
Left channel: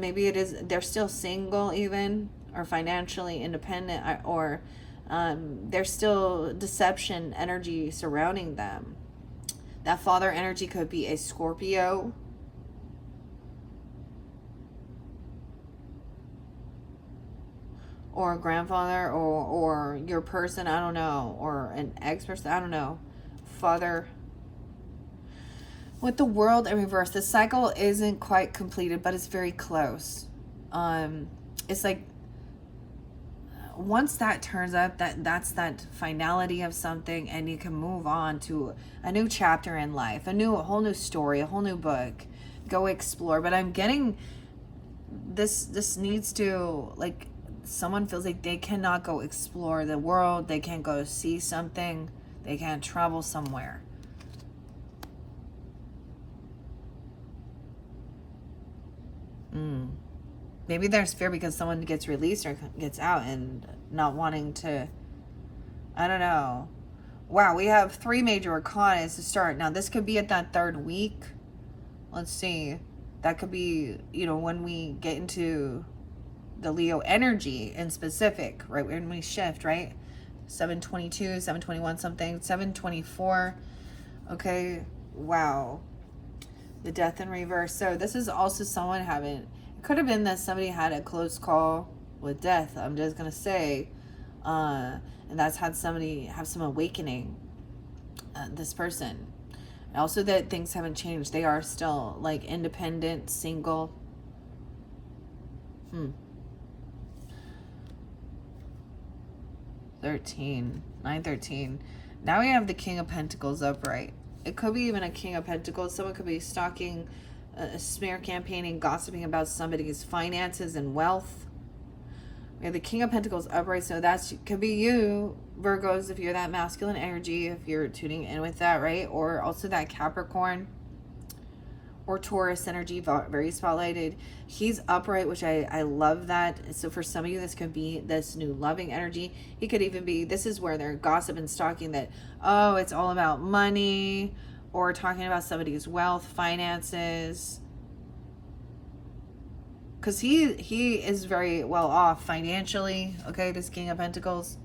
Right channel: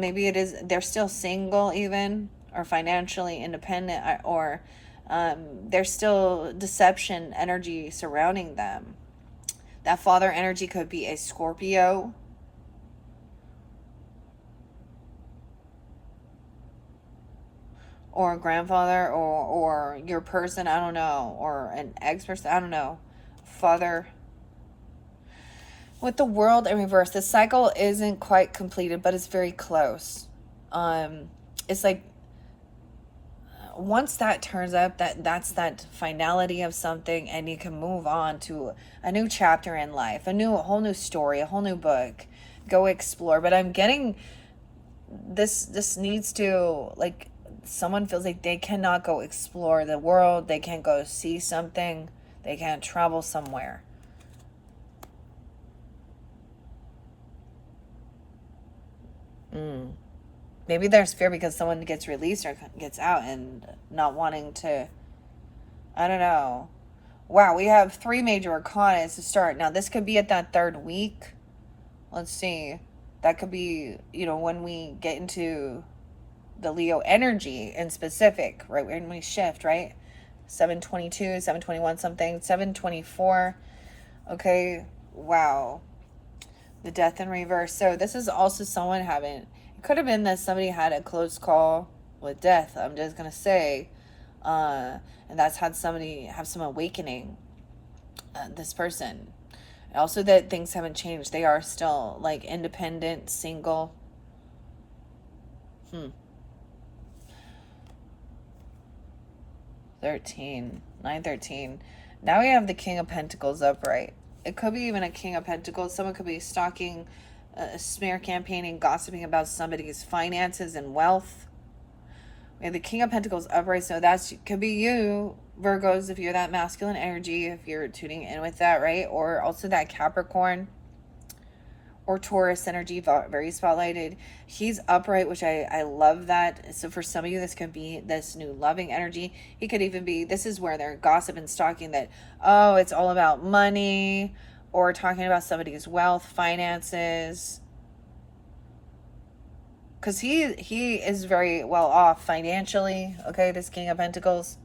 maybe they're still single even, or financially independent, or there's still deception energy surrounding them. That father energy could be a Scorpio. Or a grandfather, or your person, I don't know, or an ex-person, I don't know. Father. With the World in reverse, the cycle isn't quite completed, but it's very close. It's like once that turns up, that's that finality of something, and you can move on to a new chapter in life, a whole new story, a whole new book. Go explore. But I'm getting this needs to, like, someone feels like they cannot go explore the world. They can't go see something. They can't travel somewhere. Maybe there's fear because someone gets released or gets out and not wanting to. I don't know. Wow, we have 3 major arcana to start. Now, this could be at that 3rd week. Let's see. That could be, you know, when we get into the Leo energy in specific, right? When we shift, right? 722, 721 something, 724. Okay, wow. The death in reverse. So this is also someone having, it could have been that somebody had a close call with death. I'm just going to say, and that's had somebody have some awakening, this person. Also that things haven't changed. They are still like independent, single. 13, 913. Now we have the King of Pentacles upright. It could be even a King of Pentacles. Someone could be stalking, smear campaigning, gossiping about somebody's finances and wealth. We have the King of Pentacles upright, so that could be you, Virgos, if you're that masculine energy, if you're tuning in with that, right? Or also that Capricorn or Taurus energy, very spotlighted. He's upright, which I love that. So for some of you, this could be this new loving energy. He could even be, this is where they're gossip and stalking that, oh, it's all about money, or talking about somebody's wealth, finances. Because he is very well off financially, okay, this King of Pentacles.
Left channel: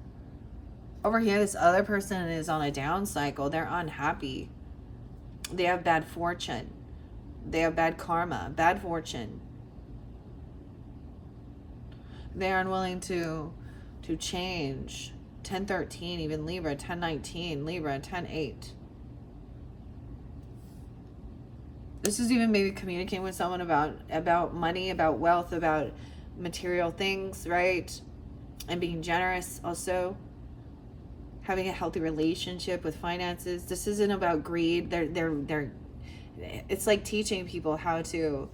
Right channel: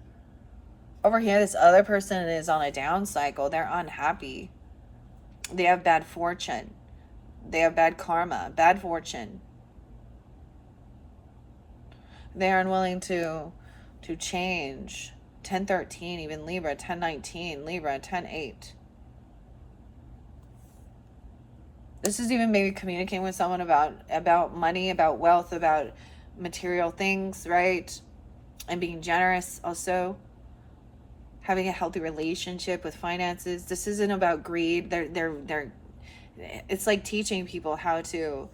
Over here, this other person is on a down cycle. They're unhappy. They have bad fortune. They have bad karma, bad fortune. They're unwilling to change. 1013, even Libra. 1019, Libra. 10:8. This is even maybe communicating with someone about money, about wealth, about material things, right? And being generous also. Having a healthy relationship with finances. This isn't about greed. They're it's like teaching people how to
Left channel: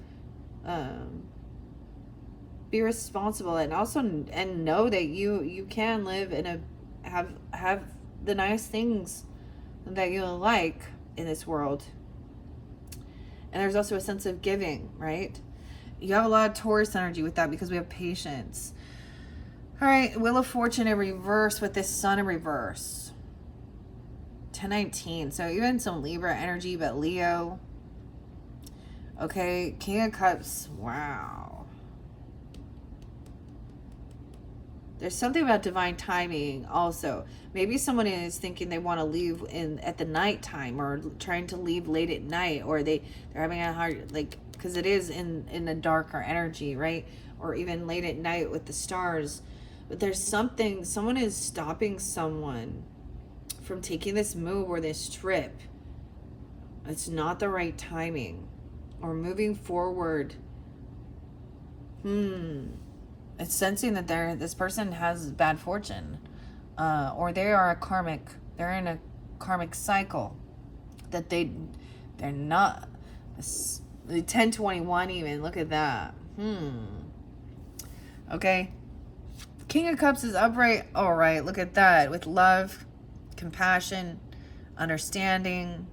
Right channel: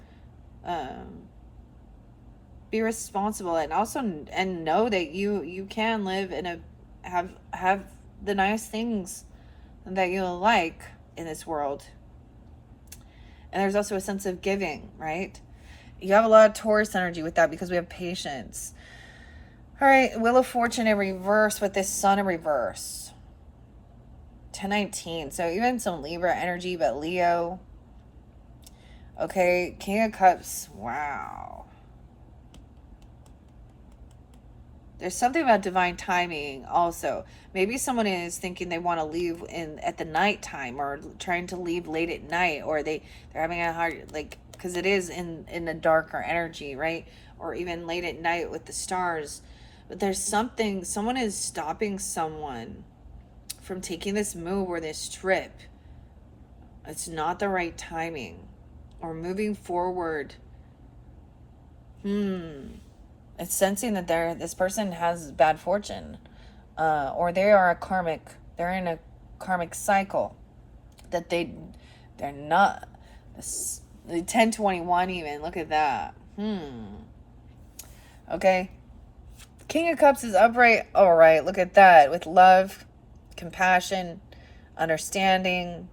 be responsible, and also and know that you can live in a have the nice things that you like in this world. And there's also a sense of giving, right? You have a lot of Taurus energy with that because we have patience. All right, Wheel of Fortune in reverse with this Sun in reverse. 1019. So even some Libra energy, but Leo. Okay, King of Cups. Wow. There's something about divine timing also. Maybe someone is thinking they want to leave at the nighttime, or trying to leave late at night, or they're having a hard, like, because it is in the darker energy, right? Or even late at night with the stars. But there's something, someone is stopping someone from taking this move or this trip. It's not the right timing. Or moving forward. It's sensing that this person has bad fortune. Or they are they're in a karmic cycle. That they're not. The 1021 even, look at that. Okay. King of Cups is upright. All right, look at that. With love, compassion, understanding,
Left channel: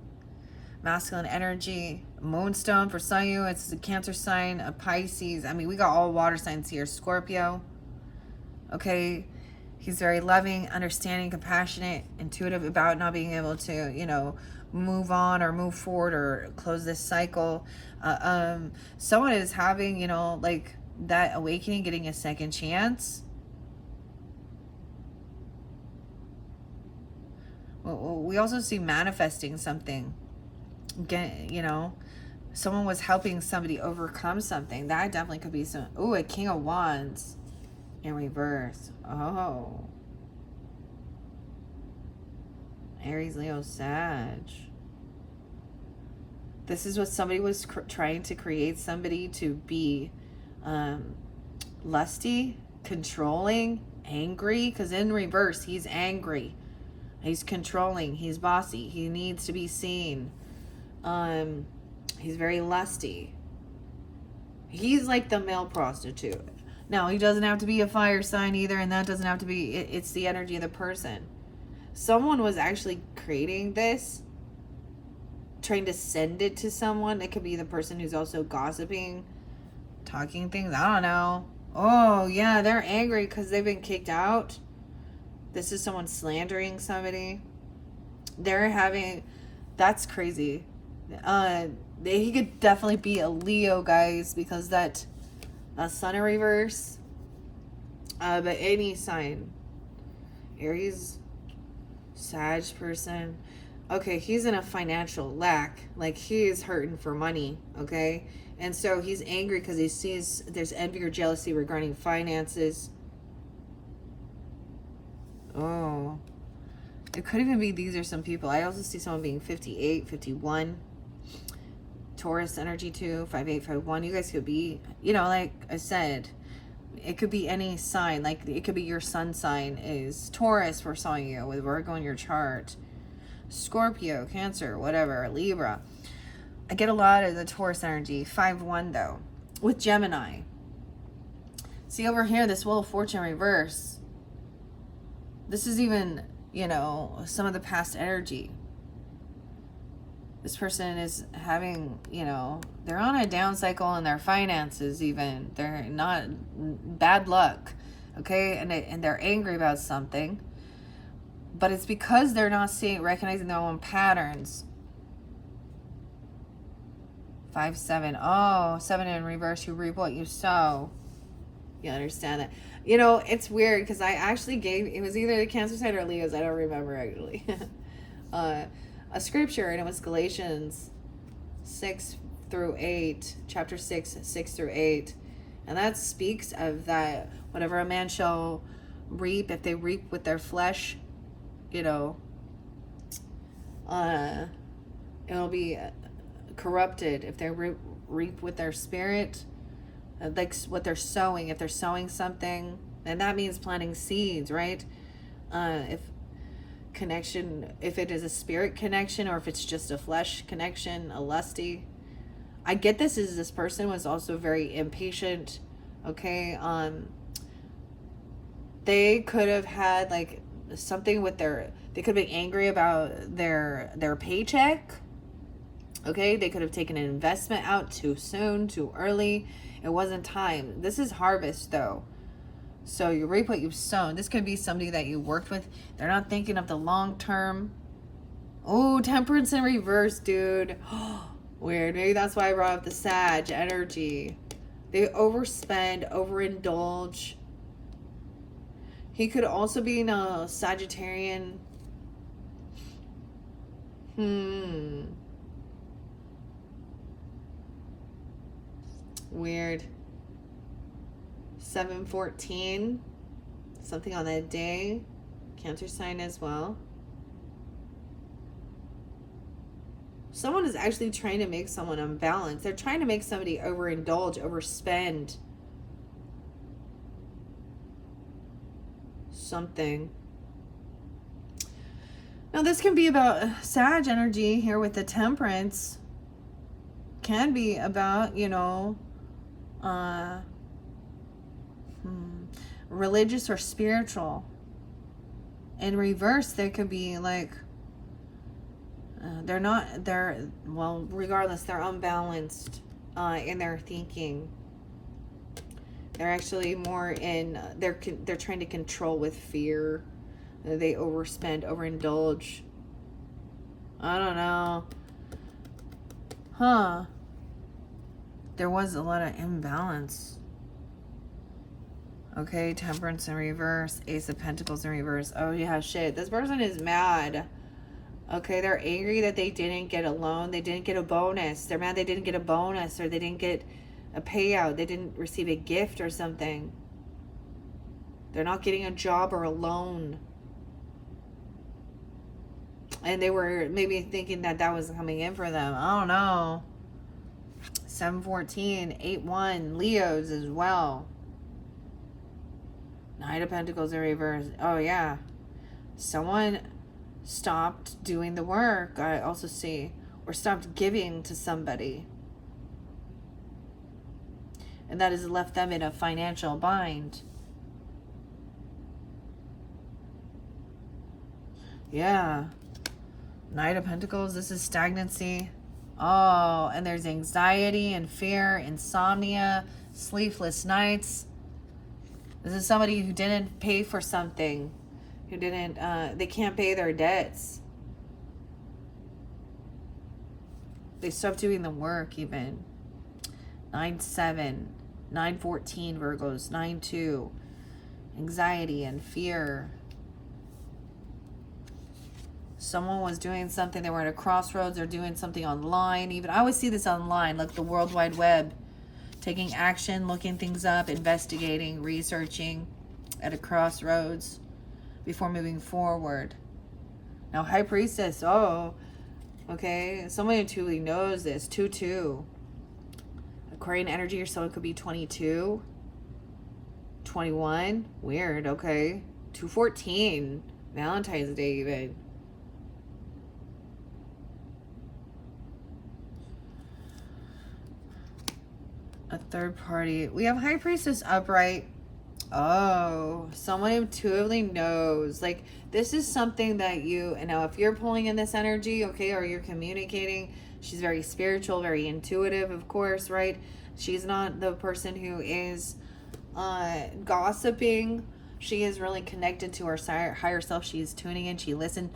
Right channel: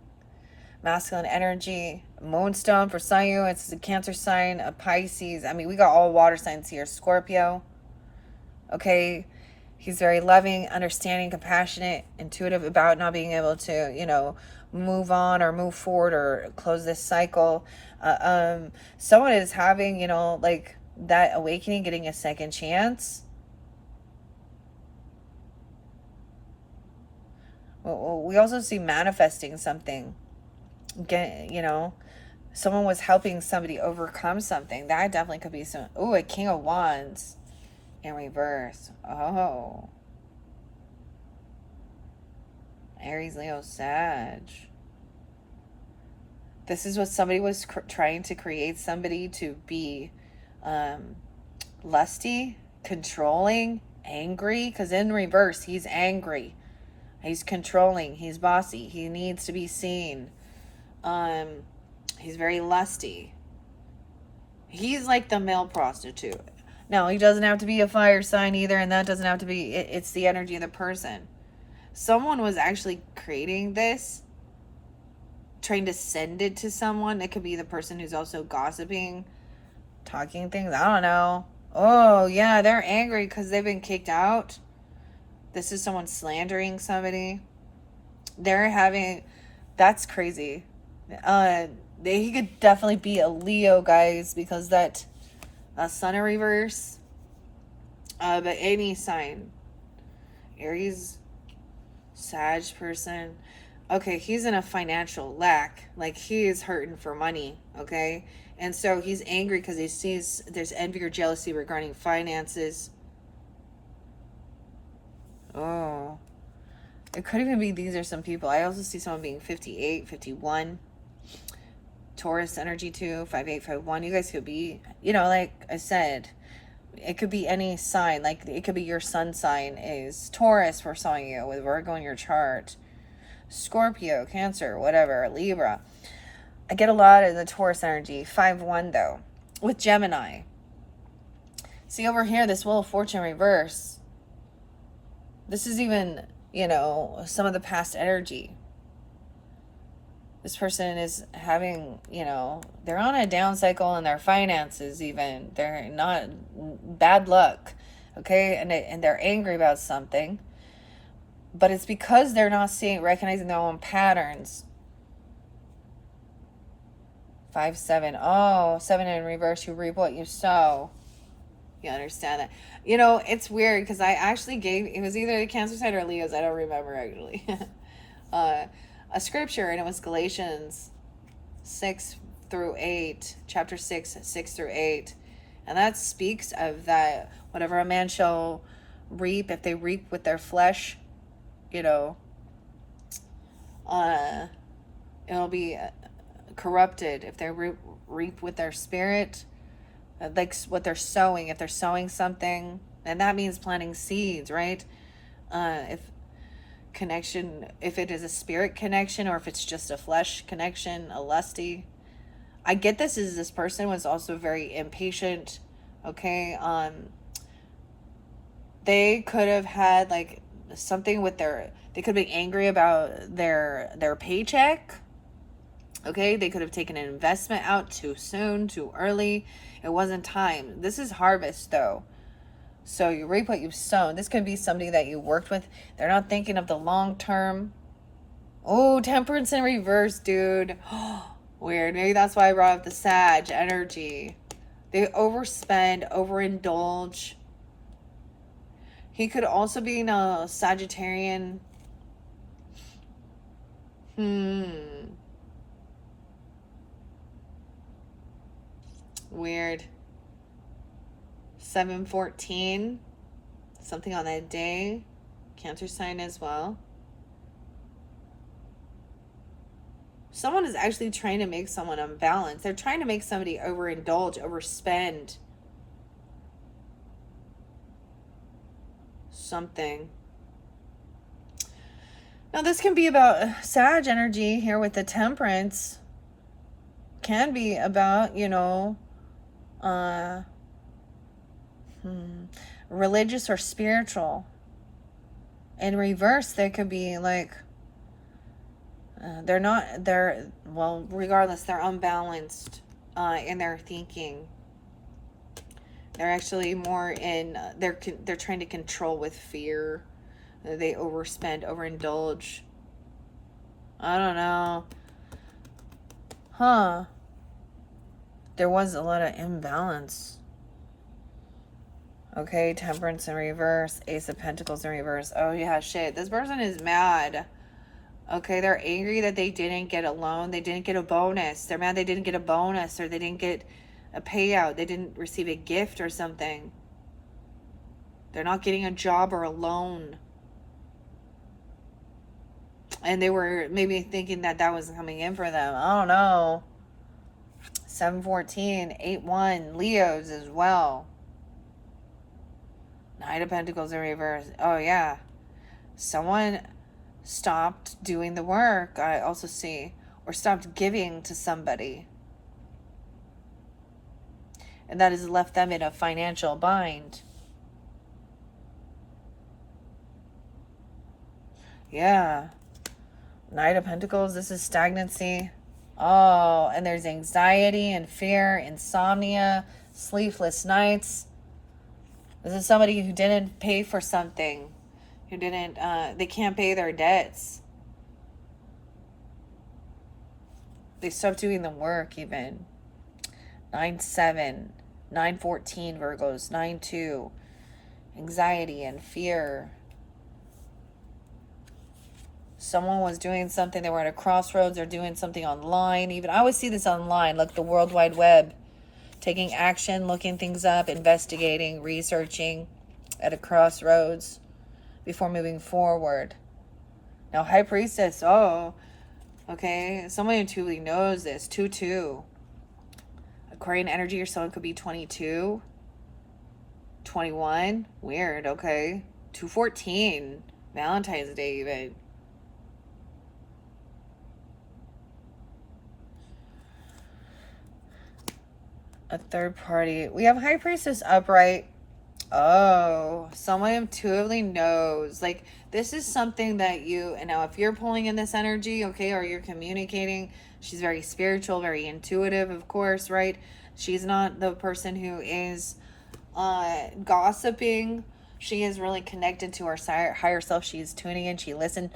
masculine energy. Moonstone for some of you, it's a Cancer sign, a Pisces. I mean, we got all water signs here. Scorpio. Okay. He's very loving, understanding, compassionate, intuitive about not being able to, you know, move on or move forward or close this cycle. Someone is having, you know, like that awakening, getting a second chance. We also see manifesting something. You know, someone was helping somebody overcome something. That definitely could be some. Oh, a King of Wands in reverse. Oh. Aries, Leo, Sag. This is what somebody was trying to create somebody to be lusty, controlling, angry. Because in reverse, he's angry. He's controlling. He's bossy. He needs to be seen. He's very lusty. He's like the male prostitute. Now, he doesn't have to be a fire sign either, and that doesn't have to be, it's the energy of the person. Someone was actually creating this, trying to send it to someone. It could be the person who's also gossiping, talking things, I don't know. Oh, yeah, they're angry because they've been kicked out. This is someone slandering somebody. They're having, that's crazy. He could definitely be a Leo, guys, because that sun in reverse. But any sign, Aries, Sag person. Okay, he's in a financial lack. Like, he is hurting for money, okay? And so he's angry because he sees there's envy or jealousy regarding finances. Oh. It could even be these are some people. I also see someone being 58, 51. Taurus energy too, 5851. You guys could be, you know, like I said, it could be any sign. Like, it could be your sun sign is Taurus for some of you with Virgo in your chart. Scorpio, Cancer, whatever, Libra. I get a lot of the Taurus energy. 5-1 though. With Gemini. See over here, this Wheel of Fortune reverse. This is even, you know, some of the past energy. This person is having, you know, they're on a down cycle in their finances even. They're not, bad luck, okay? And they're angry about something. But it's because they're not recognizing their own patterns. 5-7. Oh, 7 in reverse. You reap what you sow. You understand that? You know, it's weird because I actually gave, it was either the Cancer side or Leo's. I don't remember actually. A scripture, and it was Galatians 6-8, chapter 6:6-8. And that speaks of that whatever a man shall reap, if they reap with their flesh, you know, it'll be corrupted. If they reap with their spirit, like what they're sowing, if they're sowing something, and that means planting seeds, right? If it is a spirit connection, or if it's just a flesh connection, a lusty. I get this person was also very impatient, okay? They could have had like something with they could be angry about their paycheck, okay? They could have taken an investment out too soon, too early. It wasn't time. This is harvest though. So you reap what you've sown. This could be somebody that you worked with. They're not thinking of the long term. Oh, Temperance in reverse, dude. Weird. Maybe that's why I brought up the Sag energy. They overspend, overindulge. He could also be a Sagittarian. Weird. 7-14. Something on that day. Cancer sign as well. Someone is actually trying to make someone unbalanced. They're trying to make somebody overindulge, overspend. Something. Now this can be about Sag energy here with the Temperance. Can be about, you know, religious or spiritual. In reverse, they could be like, regardless, they're unbalanced in their thinking. They're actually more in, they're trying to control with fear. They overspend, overindulge. I don't know. Huh. There was a lot of imbalance. Okay, Temperance in reverse. Ace of Pentacles in reverse. Oh yeah, shit. This person is mad. Okay, they're angry that they didn't get a loan. They didn't get a bonus. They're mad they didn't get a bonus, or they didn't get a payout. They didn't receive a gift or something. They're not getting a job or a loan. And they were maybe thinking that was coming in for them. I don't know. 7-14, 8-1. Leos as well. Knight of Pentacles in reverse. Oh, yeah. Someone stopped doing the work, I also see. Or stopped giving to somebody. And that has left them in a financial bind. Yeah. Knight of Pentacles. This is stagnancy. Oh, and there's anxiety and fear, insomnia, sleepless nights. This is somebody who didn't pay for something, who didn't, they can't pay their debts. They stopped doing the work even. 9-7, 9-14 Virgos, 9-2. Anxiety and fear. Someone was doing something. They were at a crossroads. They're doing something online. Even I always see this online, like the World Wide Web. Taking action, looking things up, investigating, researching at a crossroads before moving forward. Now, High Priestess, oh, okay. Someone who truly knows this. 2-2. Aquarian energy, or someone could be 22. 21. Weird, okay. 2-14. Valentine's Day, even. A third party. We have High Priestess upright. Oh, someone who intuitively knows. Like, this is something that you know, if you're pulling in this energy, okay, or you're communicating, she's very spiritual, very intuitive, of course, right? She's not the person who is gossiping. She is really connected to her higher self. She is tuning in. She listened.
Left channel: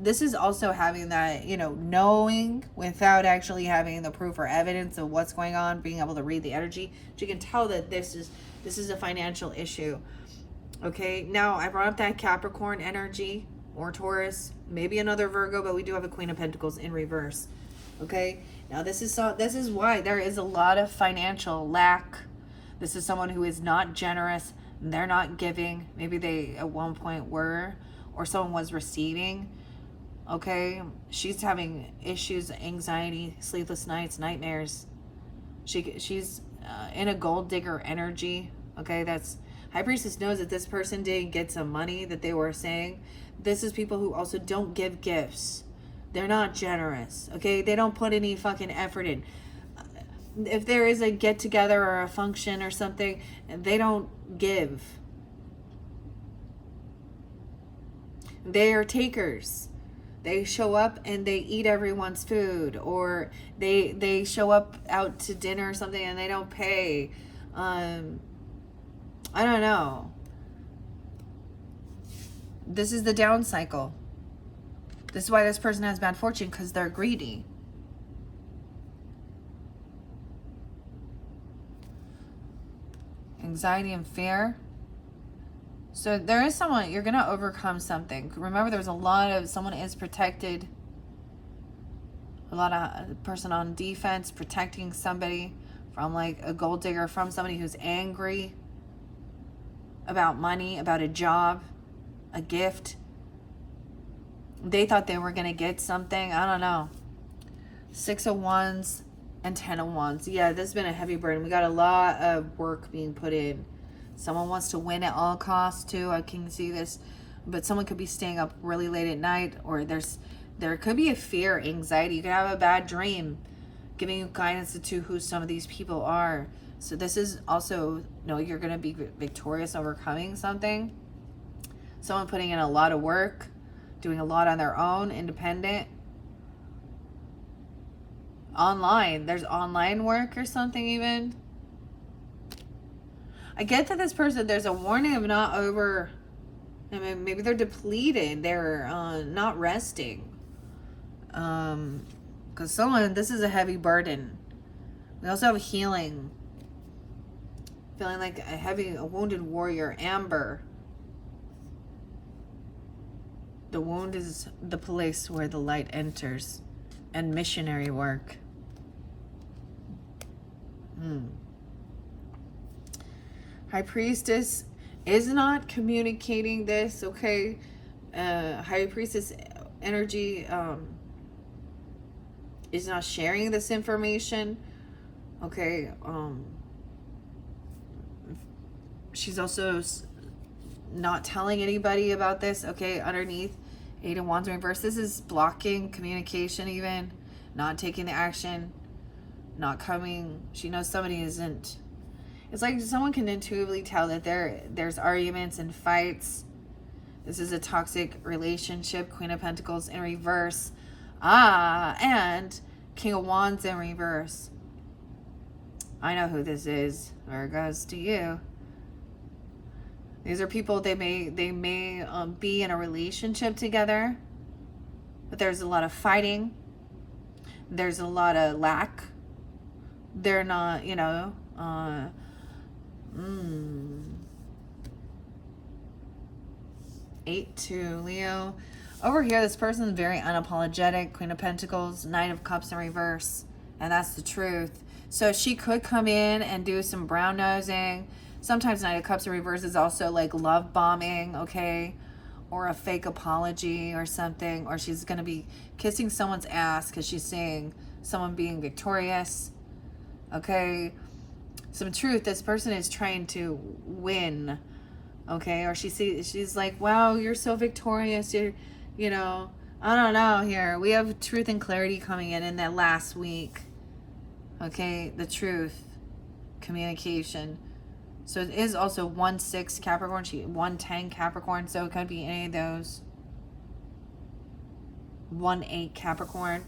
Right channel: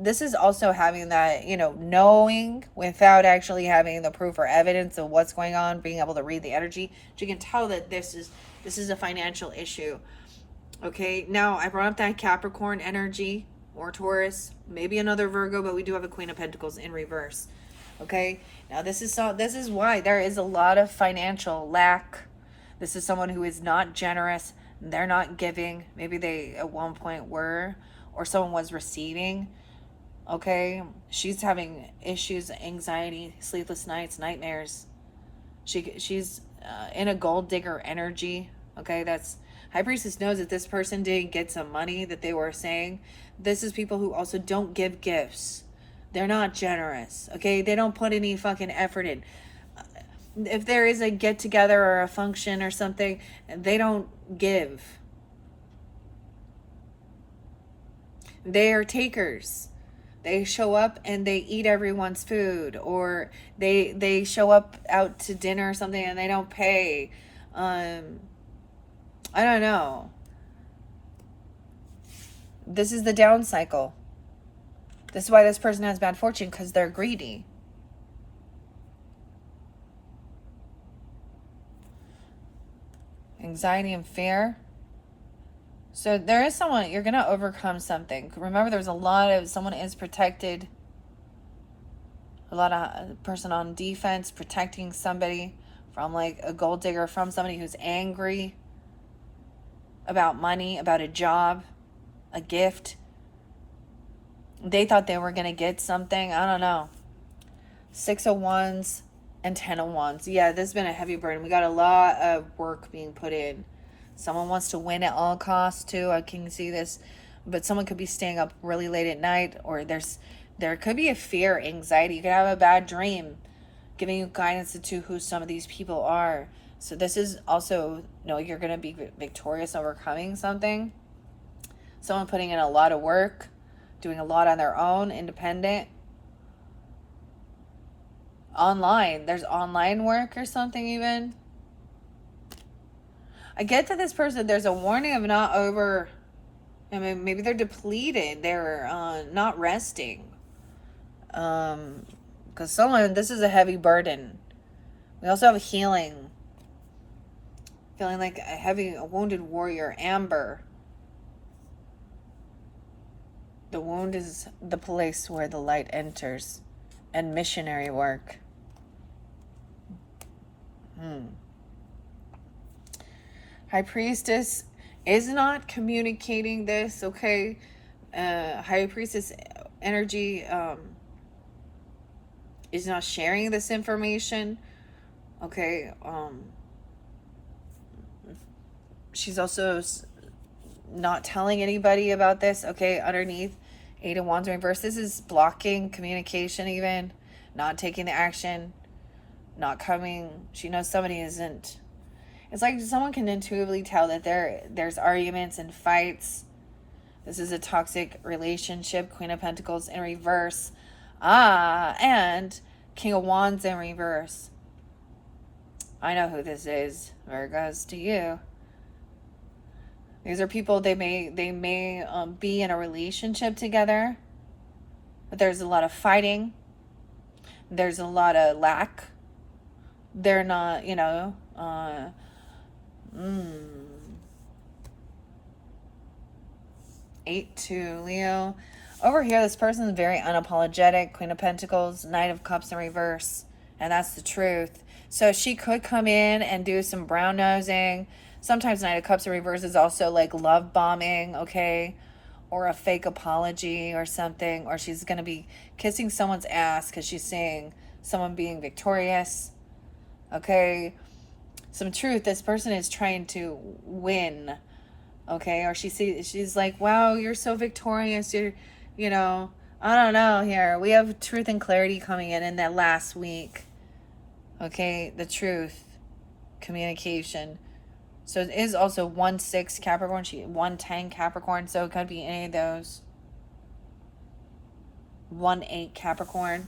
This is also having that, you know, knowing without actually having the proof or evidence of what's going on, being able to read the energy. She can tell that this is a financial issue. Okay, now I brought up that Capricorn energy or Taurus, maybe another Virgo, but we do have a Queen of Pentacles in reverse. Okay, now this is why there is a lot of financial lack. This is someone who is not generous. They're not giving. Maybe they at one point were, or someone was receiving. Okay, she's having issues, anxiety, sleepless nights, nightmares. She's in a gold digger energy. Okay, that's High Priestess knows that this person didn't get some money that they were saying. This is people who also don't give gifts. They're not generous. Okay, they don't put any fucking effort in. If there is a get together or a function or something, they don't give. They are takers. They show up and they eat everyone's food, or they show up out to dinner or something and they don't pay. I don't know. This is the down cycle. This is why this person has bad fortune, because they're greedy. Anxiety and fear. So there is someone, you're going to overcome something. Remember, there's a lot of, someone is protected. A lot of person on defense, protecting somebody from like a gold digger, from somebody who's angry about money, about a job, a gift. They thought they were going to get something. I don't know. 6 of Wands and 10 of Wands. Yeah, this has been a heavy burden. We got a lot of work being put in. Someone wants to win at all costs too. I can see this. But someone could be staying up really late at night, or there could be a fear, anxiety. You could have a bad dream giving you guidance to who some of these people are. So this is also, you're going to be victorious, overcoming something. Someone putting in a lot of work, doing a lot on their own, independent. Online. There's online work or something even. I get that this person, there's a warning of not over, I mean, maybe they're depleted. They're not resting. Because this is a heavy burden. We also have healing. Feeling like a wounded warrior, Amber. The wound is the place where the light enters. And missionary work. High Priestess is not communicating this, okay? High Priestess energy is not sharing this information, okay? She's also not telling anybody about this, okay? Underneath, 8 of Wands in reverse. This is blocking communication even, not taking the action, not coming. She knows somebody isn't. It's like someone can intuitively tell that there's arguments and fights. This is a toxic relationship. Queen of Pentacles in reverse. And King of Wands in reverse. I know who this is. Virgos, to you. These are people, they may be in a relationship together, but there's a lot of fighting. There's a lot of lack. They're not, 8-2, Leo. Over here, this person is very unapologetic. Queen of Pentacles, Knight of Cups in reverse. And that's the truth. So she could come in and do some brown nosing. Sometimes Knight of Cups in reverse is also like love bombing, okay? Or a fake apology or something. Or she's going to be kissing someone's ass because she's seeing someone being victorious. Okay? Some truth. This person is trying to win. Okay? Or she's like, wow, you're so victorious. You're, I don't know here. We have truth and clarity coming in that last week. Okay? The truth. Communication. So it is also 1-6 Capricorn, 1-10 Capricorn, so it could be any of those. 1-8 Capricorn.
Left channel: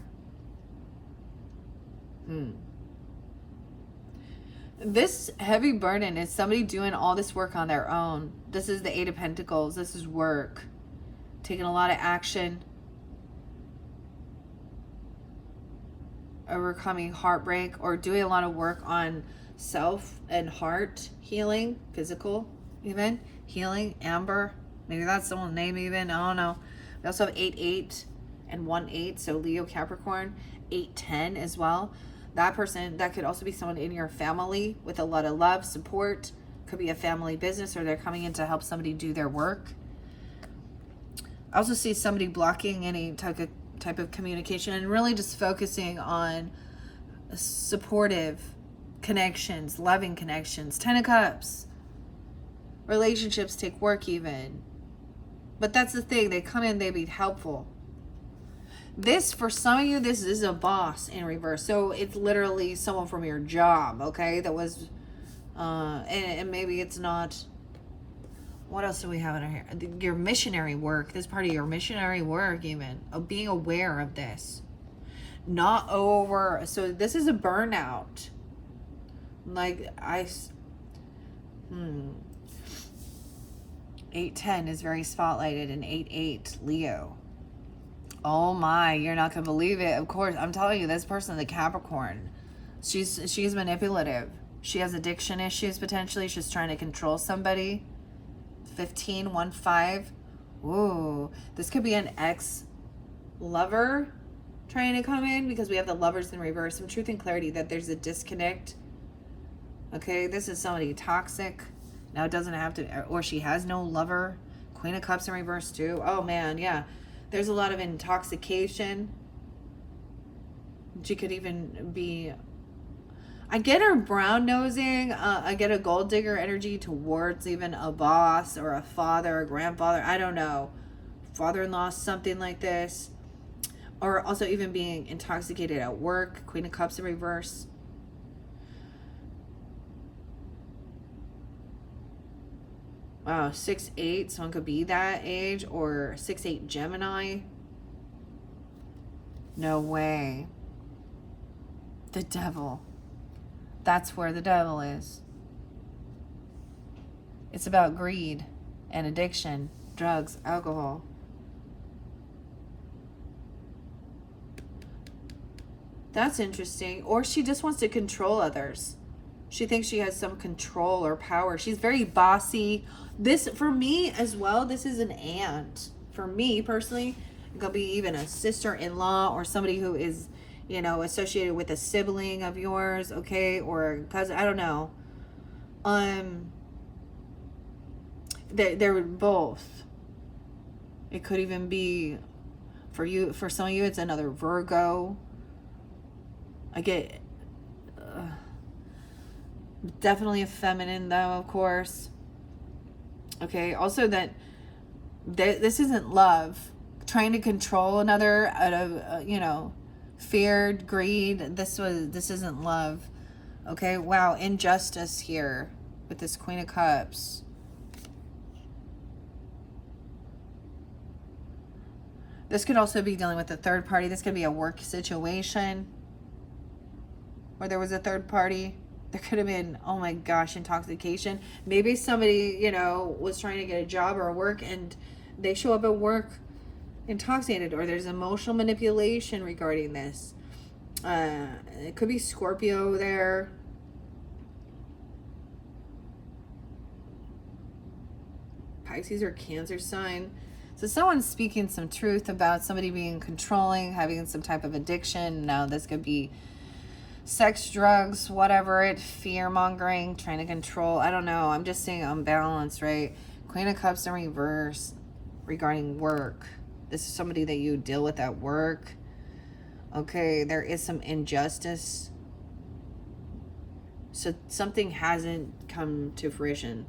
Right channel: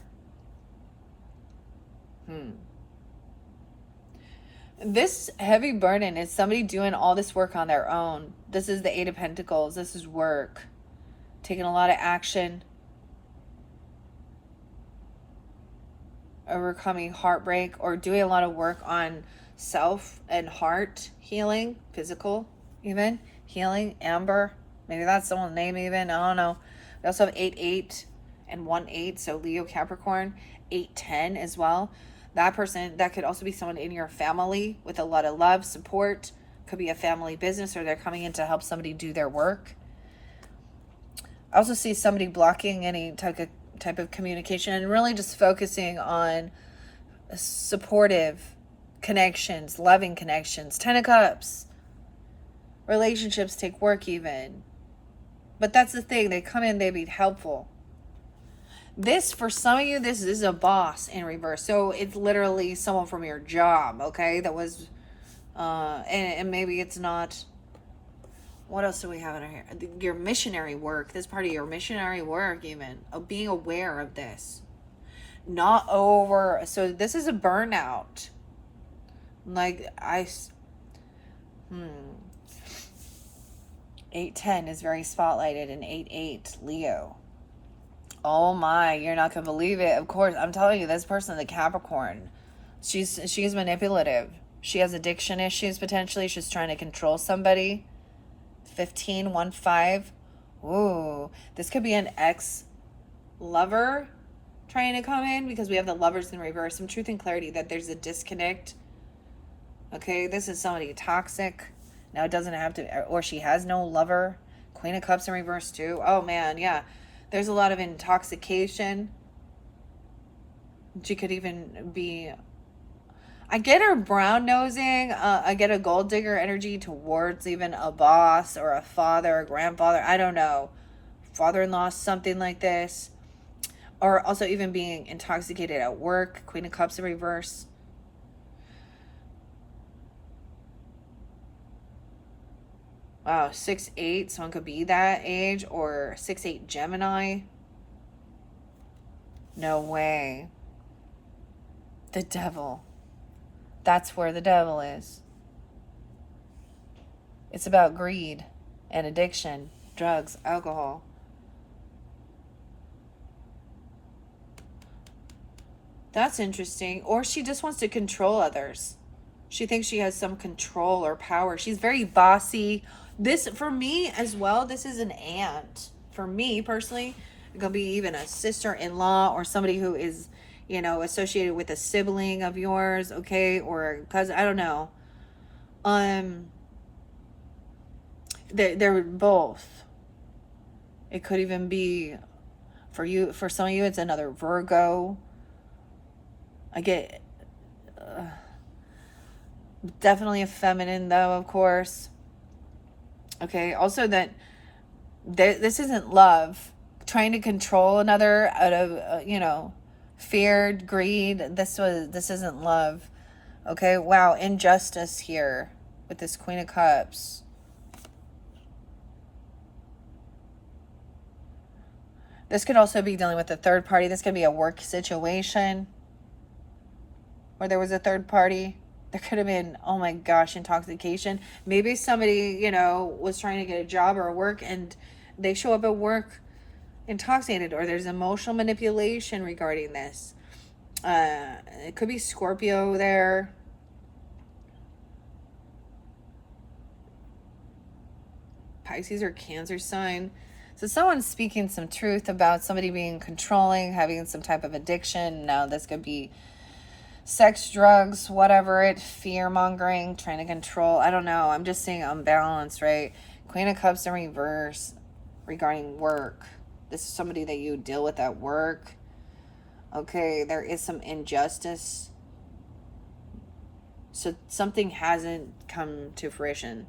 This heavy burden is somebody doing all this work on their own. This is the 8 of Pentacles. This is work. Taking a lot of action. Overcoming heartbreak or doing a lot of work on self and heart healing, physical even healing. Amber, maybe that's someone's name even, I don't know. We also have 8-8 and 1-8, so Leo, Capricorn. 8-10 as well. That person, that could also be someone in your family with a lot of love, support. Could be a family business, or they're coming in to help somebody do their work. I also see somebody blocking any type of communication and really just focusing on supportive connections, loving connections. 10 of Cups. Relationships take work even. But that's the thing. They come in, they be helpful. This, for some of you, this is a boss in reverse. So it's literally someone from your job, okay? That was, and maybe it's not. What else do we have in our here? Your missionary work. This part of your missionary work even. Of being aware of this. Not over. So this is a burnout. Like, 8-10 is very spotlighted, and 8-8, Leo. Oh my, you're not going to believe it. Of course, I'm telling you, this person, the Capricorn, she's manipulative. She has addiction issues, potentially. She's trying to control somebody. 15-1-5. Ooh, this could be an ex-lover trying to come in, because we have the Lovers in reverse. Some truth and clarity that there's a disconnect. Okay, this is somebody toxic. Now it doesn't have to, or she has no lover. Queen of Cups in reverse too. Oh man, yeah. There's a lot of intoxication. She could even be, I get her brown nosing. I get a gold digger energy towards even a boss or a father, grandfather. I don't know. Father-in-law, something like this. Or also even being intoxicated at work. Queen of Cups in reverse. Wow, 6-8, someone could be that age, or 6-8 Gemini. No way. The devil. That's where the devil is. It's about greed and addiction, drugs, alcohol. That's interesting. Or she just wants to control others. She thinks she has some control or power. She's very bossy. This, for me as well, this is an aunt. For me, personally, it could be even a sister-in-law or somebody who is, associated with a sibling of yours, okay? Or a cousin, I don't know. They're both. It could even be, for some of you, it's another Virgo. I get, definitely a feminine, though, of course. Okay, also that this isn't love. Trying to control another out of, fear, greed. This isn't love. Okay, wow, injustice here with this Queen of Cups. This could also be dealing with a third party. This could be a work situation where there was a third party. There could have been, oh my gosh, intoxication. Maybe somebody, was trying to get a job or work, and they show up at work intoxicated, or there's emotional manipulation regarding this. It could be Scorpio there. Pisces or Cancer sign. So someone's speaking some truth about somebody being controlling, having some type of addiction. Now this could be sex, drugs, whatever it, fear-mongering, trying to control. I don't know. I'm just saying unbalanced, right? Queen of Cups in reverse regarding work. This is somebody that you deal with at work. Okay, there is some injustice. So something hasn't come to fruition.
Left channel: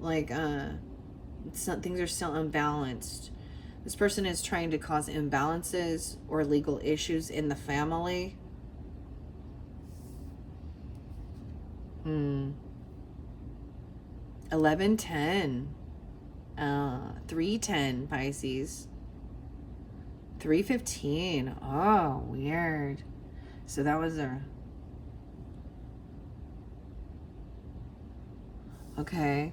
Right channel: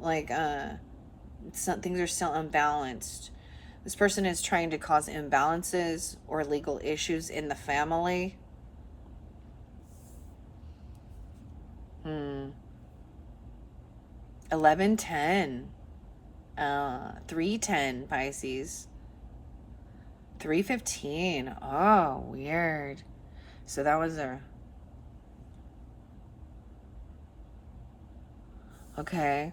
Like, some things are still unbalanced. This person is trying to cause imbalances or legal issues in the family. 1110. 310 Pisces. 315. Oh, weird. So that was a... Okay.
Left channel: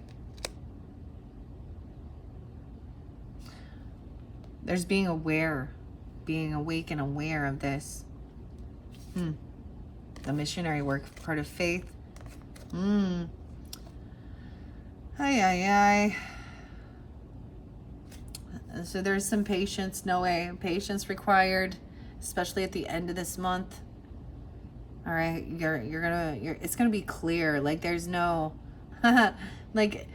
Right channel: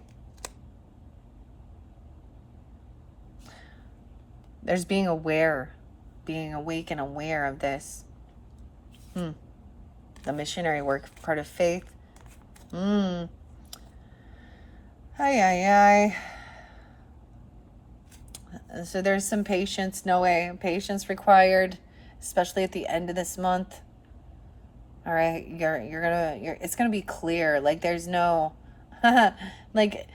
There's being aware, being awake and aware of this. The missionary work, part of faith. Ay, ay, ay. So there's some patience, no way, patience required, especially at the end of this month. All right, it's gonna be clear. Like there's no, like,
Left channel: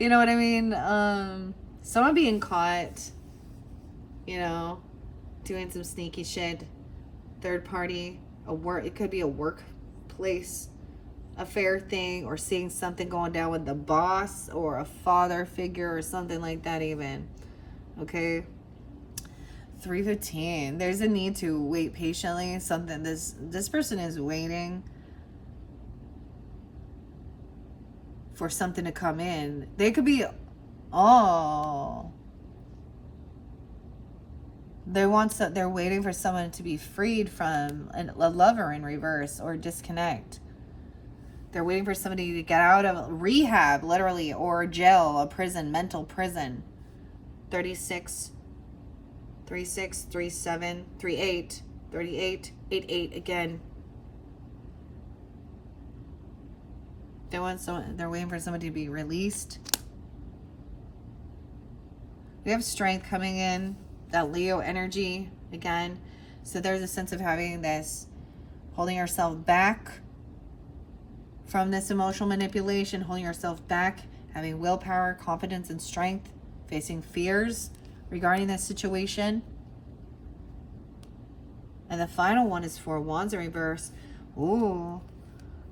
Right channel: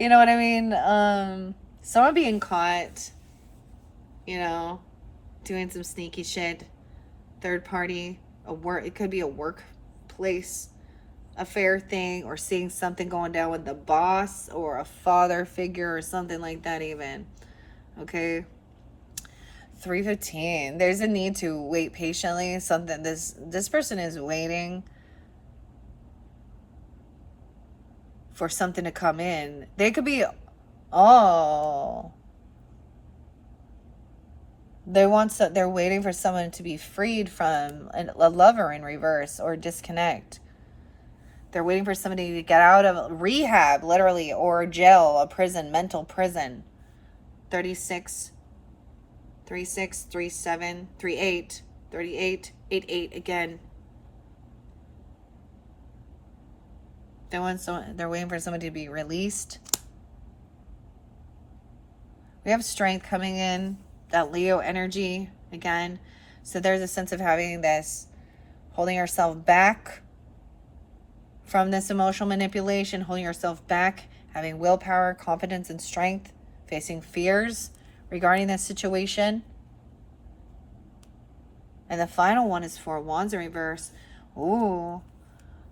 you know what I mean? Someone being caught, you know, doing some sneaky shit. Third party, it could be a workplace affair thing, or seeing something going down with the boss or a father figure or something like that even. Okay. 315. There's a need to wait patiently. Something this person is waiting for something to come in. They could be they're waiting for someone to be freed from a lover in reverse or disconnect. They're waiting for somebody to get out of rehab, literally, or jail, a prison, mental prison. 36, 36, 37, 38, 38, 88 again. They're waiting for somebody to be released. We have strength coming in, that Leo energy again. So there's a sense of having this, holding yourself back from this emotional manipulation, holding yourself back, having willpower, confidence, and strength, facing fears regarding this situation. And the final one is 4 Wands in reverse. Ooh.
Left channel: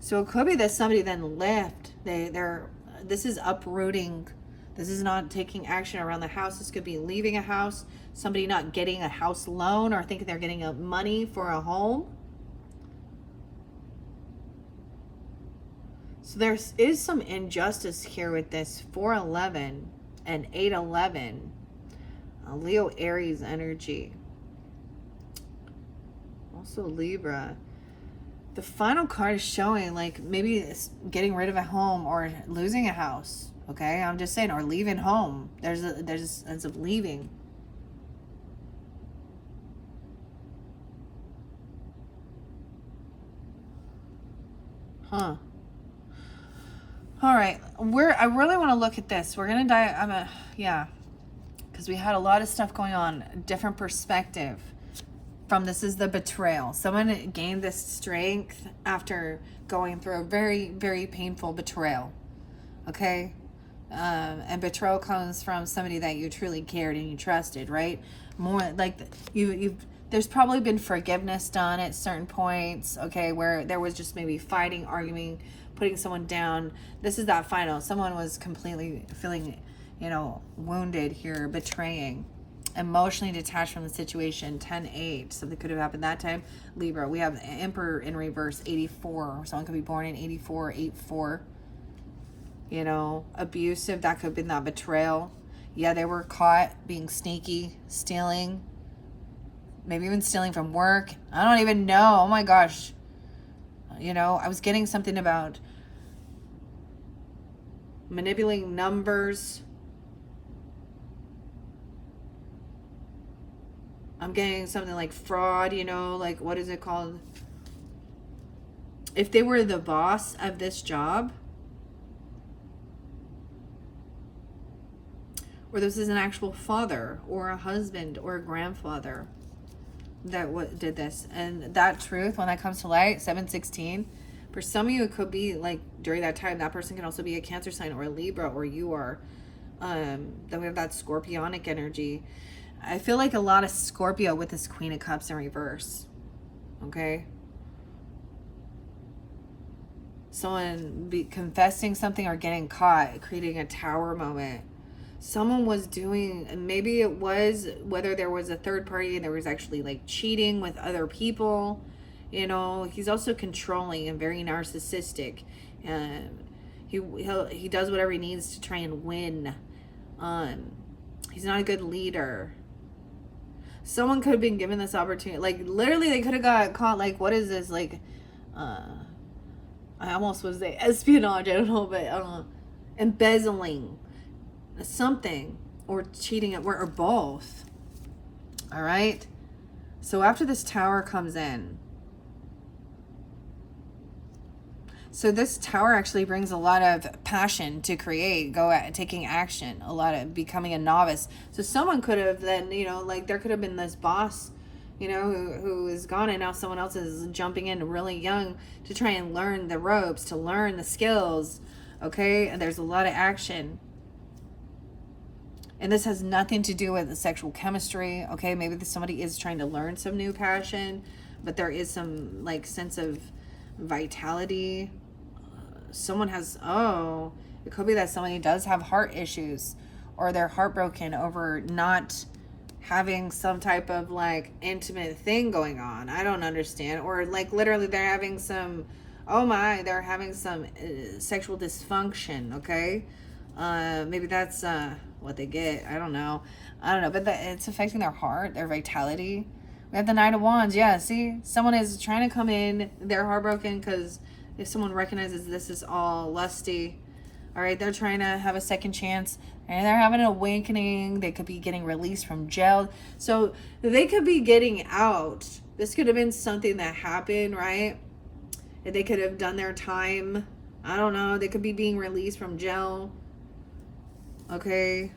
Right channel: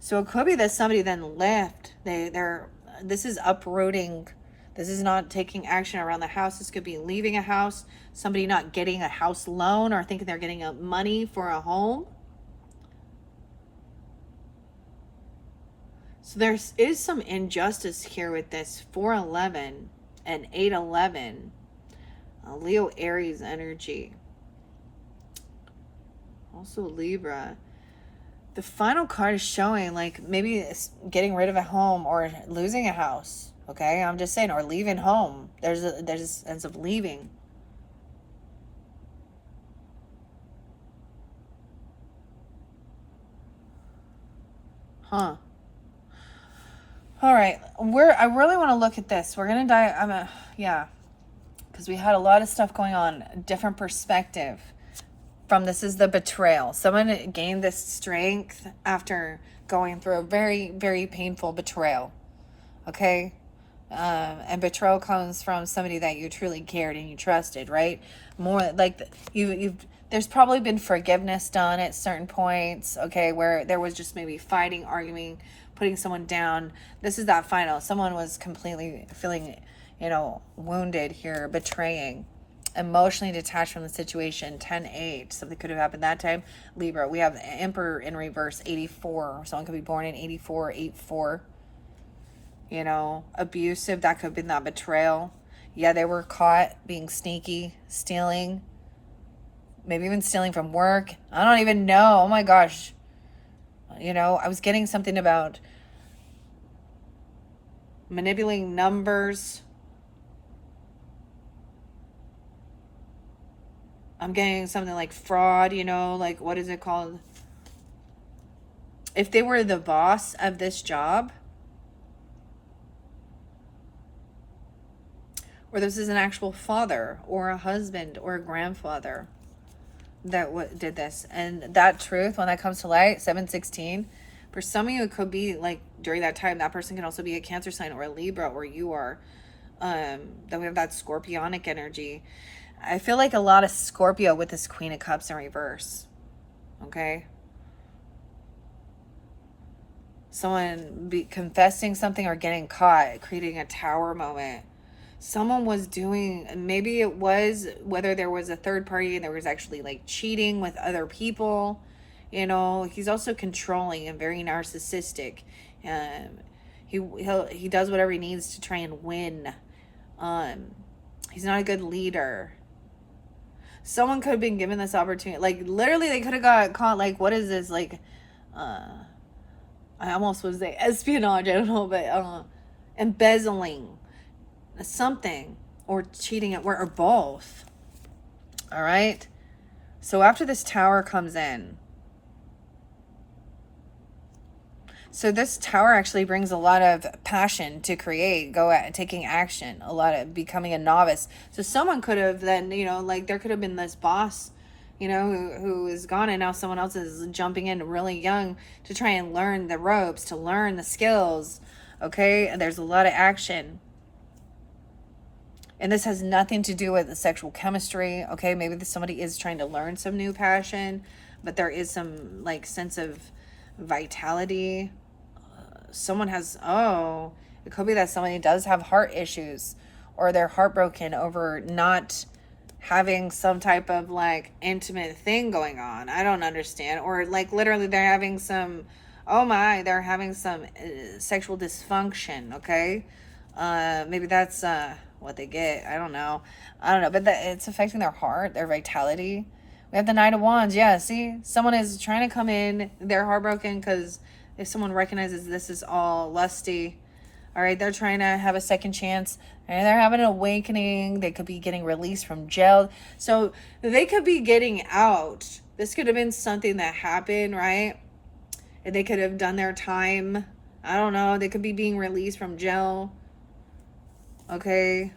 So it could be that somebody then left. This is uprooting. This is not taking action around the house. This could be leaving a house, somebody not getting a house loan or thinking they're getting money for a home. So there is some injustice here with this 411 and 811. Leo Aries energy. Also Libra. The final card is showing like maybe it's getting rid of a home or losing a house. Okay, I'm just saying, or leaving home. There's a sense of leaving. Huh. All right, I really want to look at this. We're gonna die. Because we had a lot of stuff going on, different perspective from this is the betrayal. Someone gained this strength after going through a very, very painful betrayal. Okay, and betrayal comes from somebody that you truly cared and you trusted, right? More like there's probably been forgiveness done at certain points. Okay, where there was just maybe fighting, arguing, putting someone down. This is that final. Someone was completely feeling, wounded here, betraying, emotionally detached from the situation. 10-8. Something could have happened that time. Libra. We have the Emperor in reverse, 84. Someone could be born in 84, 84. Abusive. That could have been that betrayal. Yeah, they were caught being sneaky, stealing. Maybe even stealing from work. I don't even know. Oh my gosh. I was getting something about manipulating numbers. I'm getting something like fraud, like what is it called? if they were the boss of this job, or this is an actual father or a husband or a grandfather that did this. And that truth, when that comes to light, 716, for some of you, it could be like during that time, that person can also be a Cancer sign or a Libra, or you are. Then we have that Scorpionic energy. I feel like a lot of Scorpio with this Queen of Cups in reverse. Okay? Someone be confessing something or getting caught, creating a tower moment. Someone was doing, maybe it was, whether there was a third party and there was actually like cheating with other people. You know, he's also controlling and very narcissistic. He does whatever he needs to try and win. He's not a good leader. Someone could have been given this opportunity. Like, literally, they could have got caught. Like, what is this? Like, I almost was say espionage. I don't know, but embezzling something, or cheating at work, or both. All right. So after this Tower comes in, so this Tower actually brings a lot of passion to create, taking action, a lot of becoming a novice. So someone could have then, you know, like there could have been this boss, you know, who is gone, and now someone else is jumping in really young to try and learn the ropes, to learn the skills. Okay. And there's a lot of action. And this has nothing to do with the sexual chemistry. Okay. Maybe somebody is trying to learn some new passion, but there is some like sense of vitality. Someone has, it could be that somebody does have heart issues, or they're heartbroken over not having some type of like intimate thing going on. I don't understand. Or like literally they're having some, they're having some sexual dysfunction. Okay. Maybe that's what they get. I don't know. But it's affecting their heart, their vitality. We have the Knight of Wands. Yeah, see? Someone is trying to come in. They're heartbroken because if someone recognizes this is all lusty, all right, they're trying to have a second chance. And they're having an awakening. They could be getting released from jail. So they could be getting out. This could have been something that happened, right? And they could have done their time. I don't know. They could be being released from jail. Okay?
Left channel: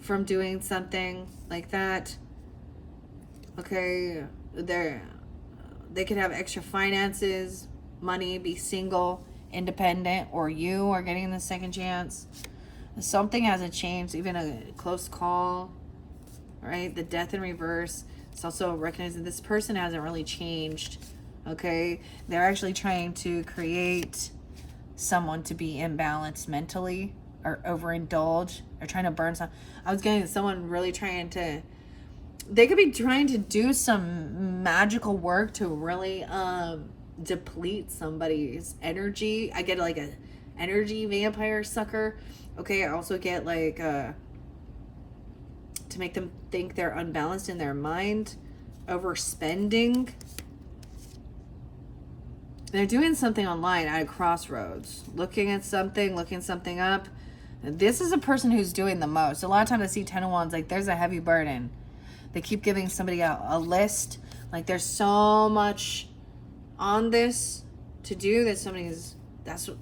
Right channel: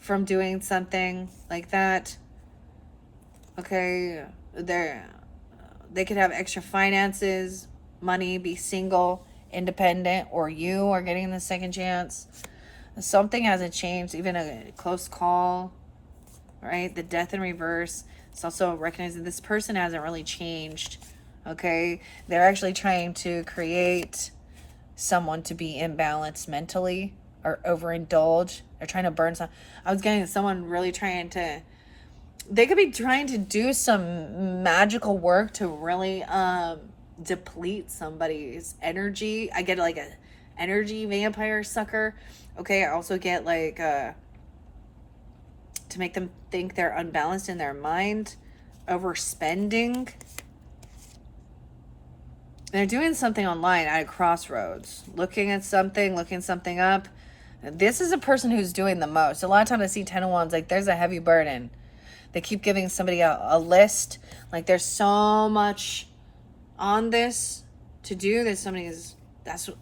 From doing something like that. Okay, they could have extra finances, money, be single, independent, or you are getting the second chance. Something hasn't changed, even a close call, right? The Death in reverse. It's also recognizing this person hasn't really changed, okay? They're actually trying to create someone to be imbalanced mentally or overindulge. They're trying to burn some. I was getting someone really trying to, they could be trying to do some magical work to really deplete somebody's energy. I get like a energy vampire sucker. Okay, I also get like to make them think they're unbalanced in their mind, overspending. They're doing something online at a crossroads, looking something up. This is a person who's doing the most. A lot of times I see Ten of Wands, like there's a heavy burden. They keep giving somebody a list. Like there's so much on this to do that I feel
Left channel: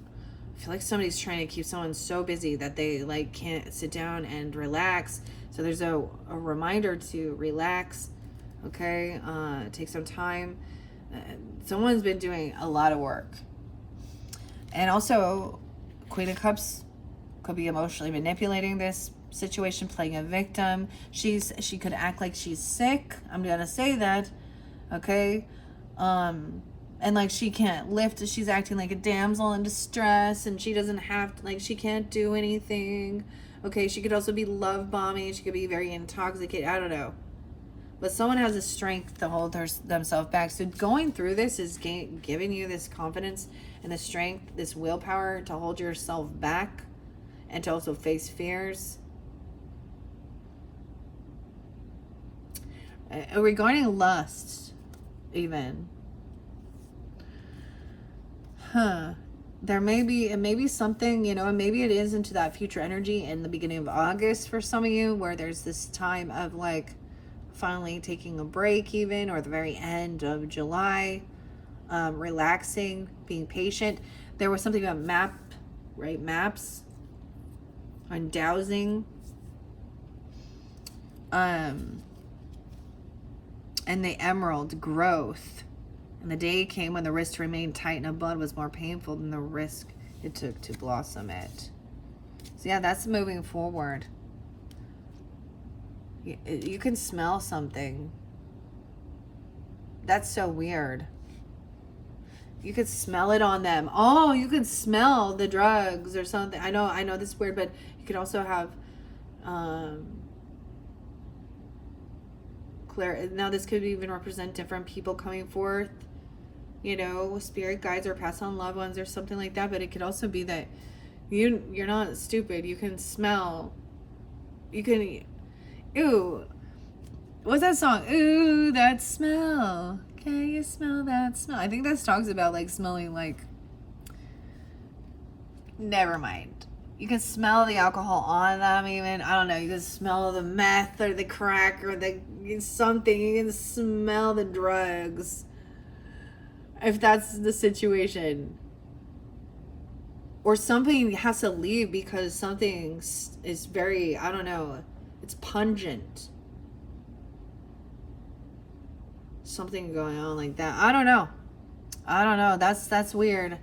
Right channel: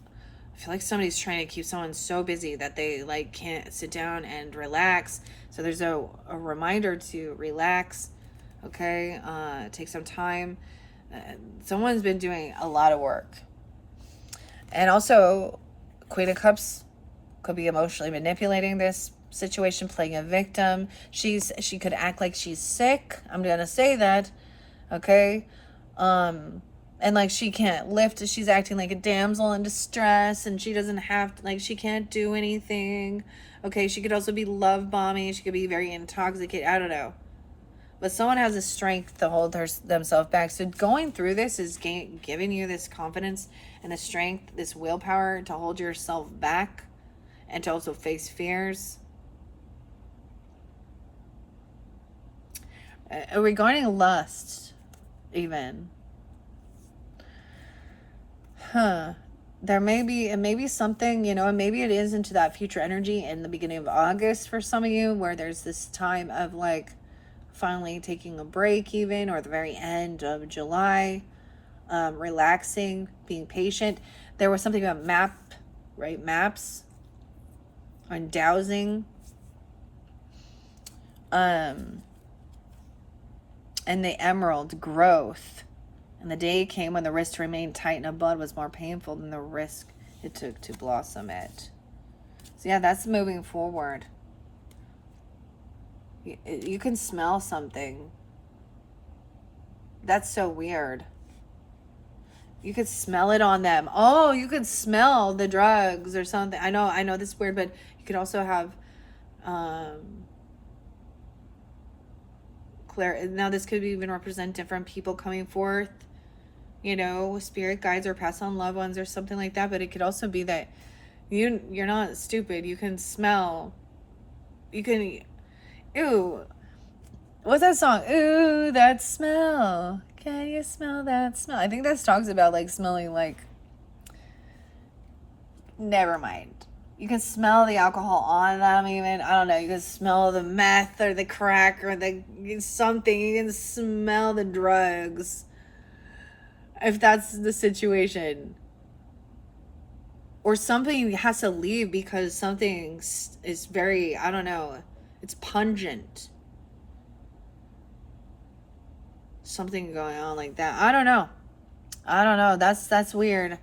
like somebody's trying to keep someone so busy that they like can't sit down and relax. So there's a reminder to relax. Okay. Take some time. Someone's been doing a lot of work. And also Queen of Cups could be emotionally manipulating this situation, playing a victim. She could act like she's sick. I'm gonna say that. Okay. And like she can't lift. She's acting like a damsel in distress, and she doesn't have to, like she can't do anything. Okay, she could also be love bombing. She could be very intoxicated. I don't know. But someone has the strength to hold themselves back. So going through this is giving you this confidence and the strength, this willpower to hold yourself back and to also face fears. Regarding lust, even. It may be something, you know, maybe it is into that future energy in the beginning of August for some of you, where there's this time of like finally taking a break even, or the very end of July. relaxing, being patient. There was something about maps, on dowsing. And the emerald, growth. And the day came when the risk to remain tight in a bud was more painful than the risk it took to blossom it. So yeah, that's moving forward. You can smell something. That's so weird. You could smell it on them. Oh, you could smell the drugs or something. I know this is weird, but you could also have now this could even represent different people coming forth, you know, spirit guides or past on loved ones or something like that. But it could also be that you're not stupid. You can smell. You can. Ew. What's that song? Ooh, that smell. Can you smell that smell? I think that talks about like smelling like. Never mind. You can smell the alcohol on them even. I don't know. You can smell the meth or the crack or the something. You can smell the drugs. If that's the situation. Or something has to leave because something is very, I don't know. It's pungent. Something going on like that. I don't know. That's weird.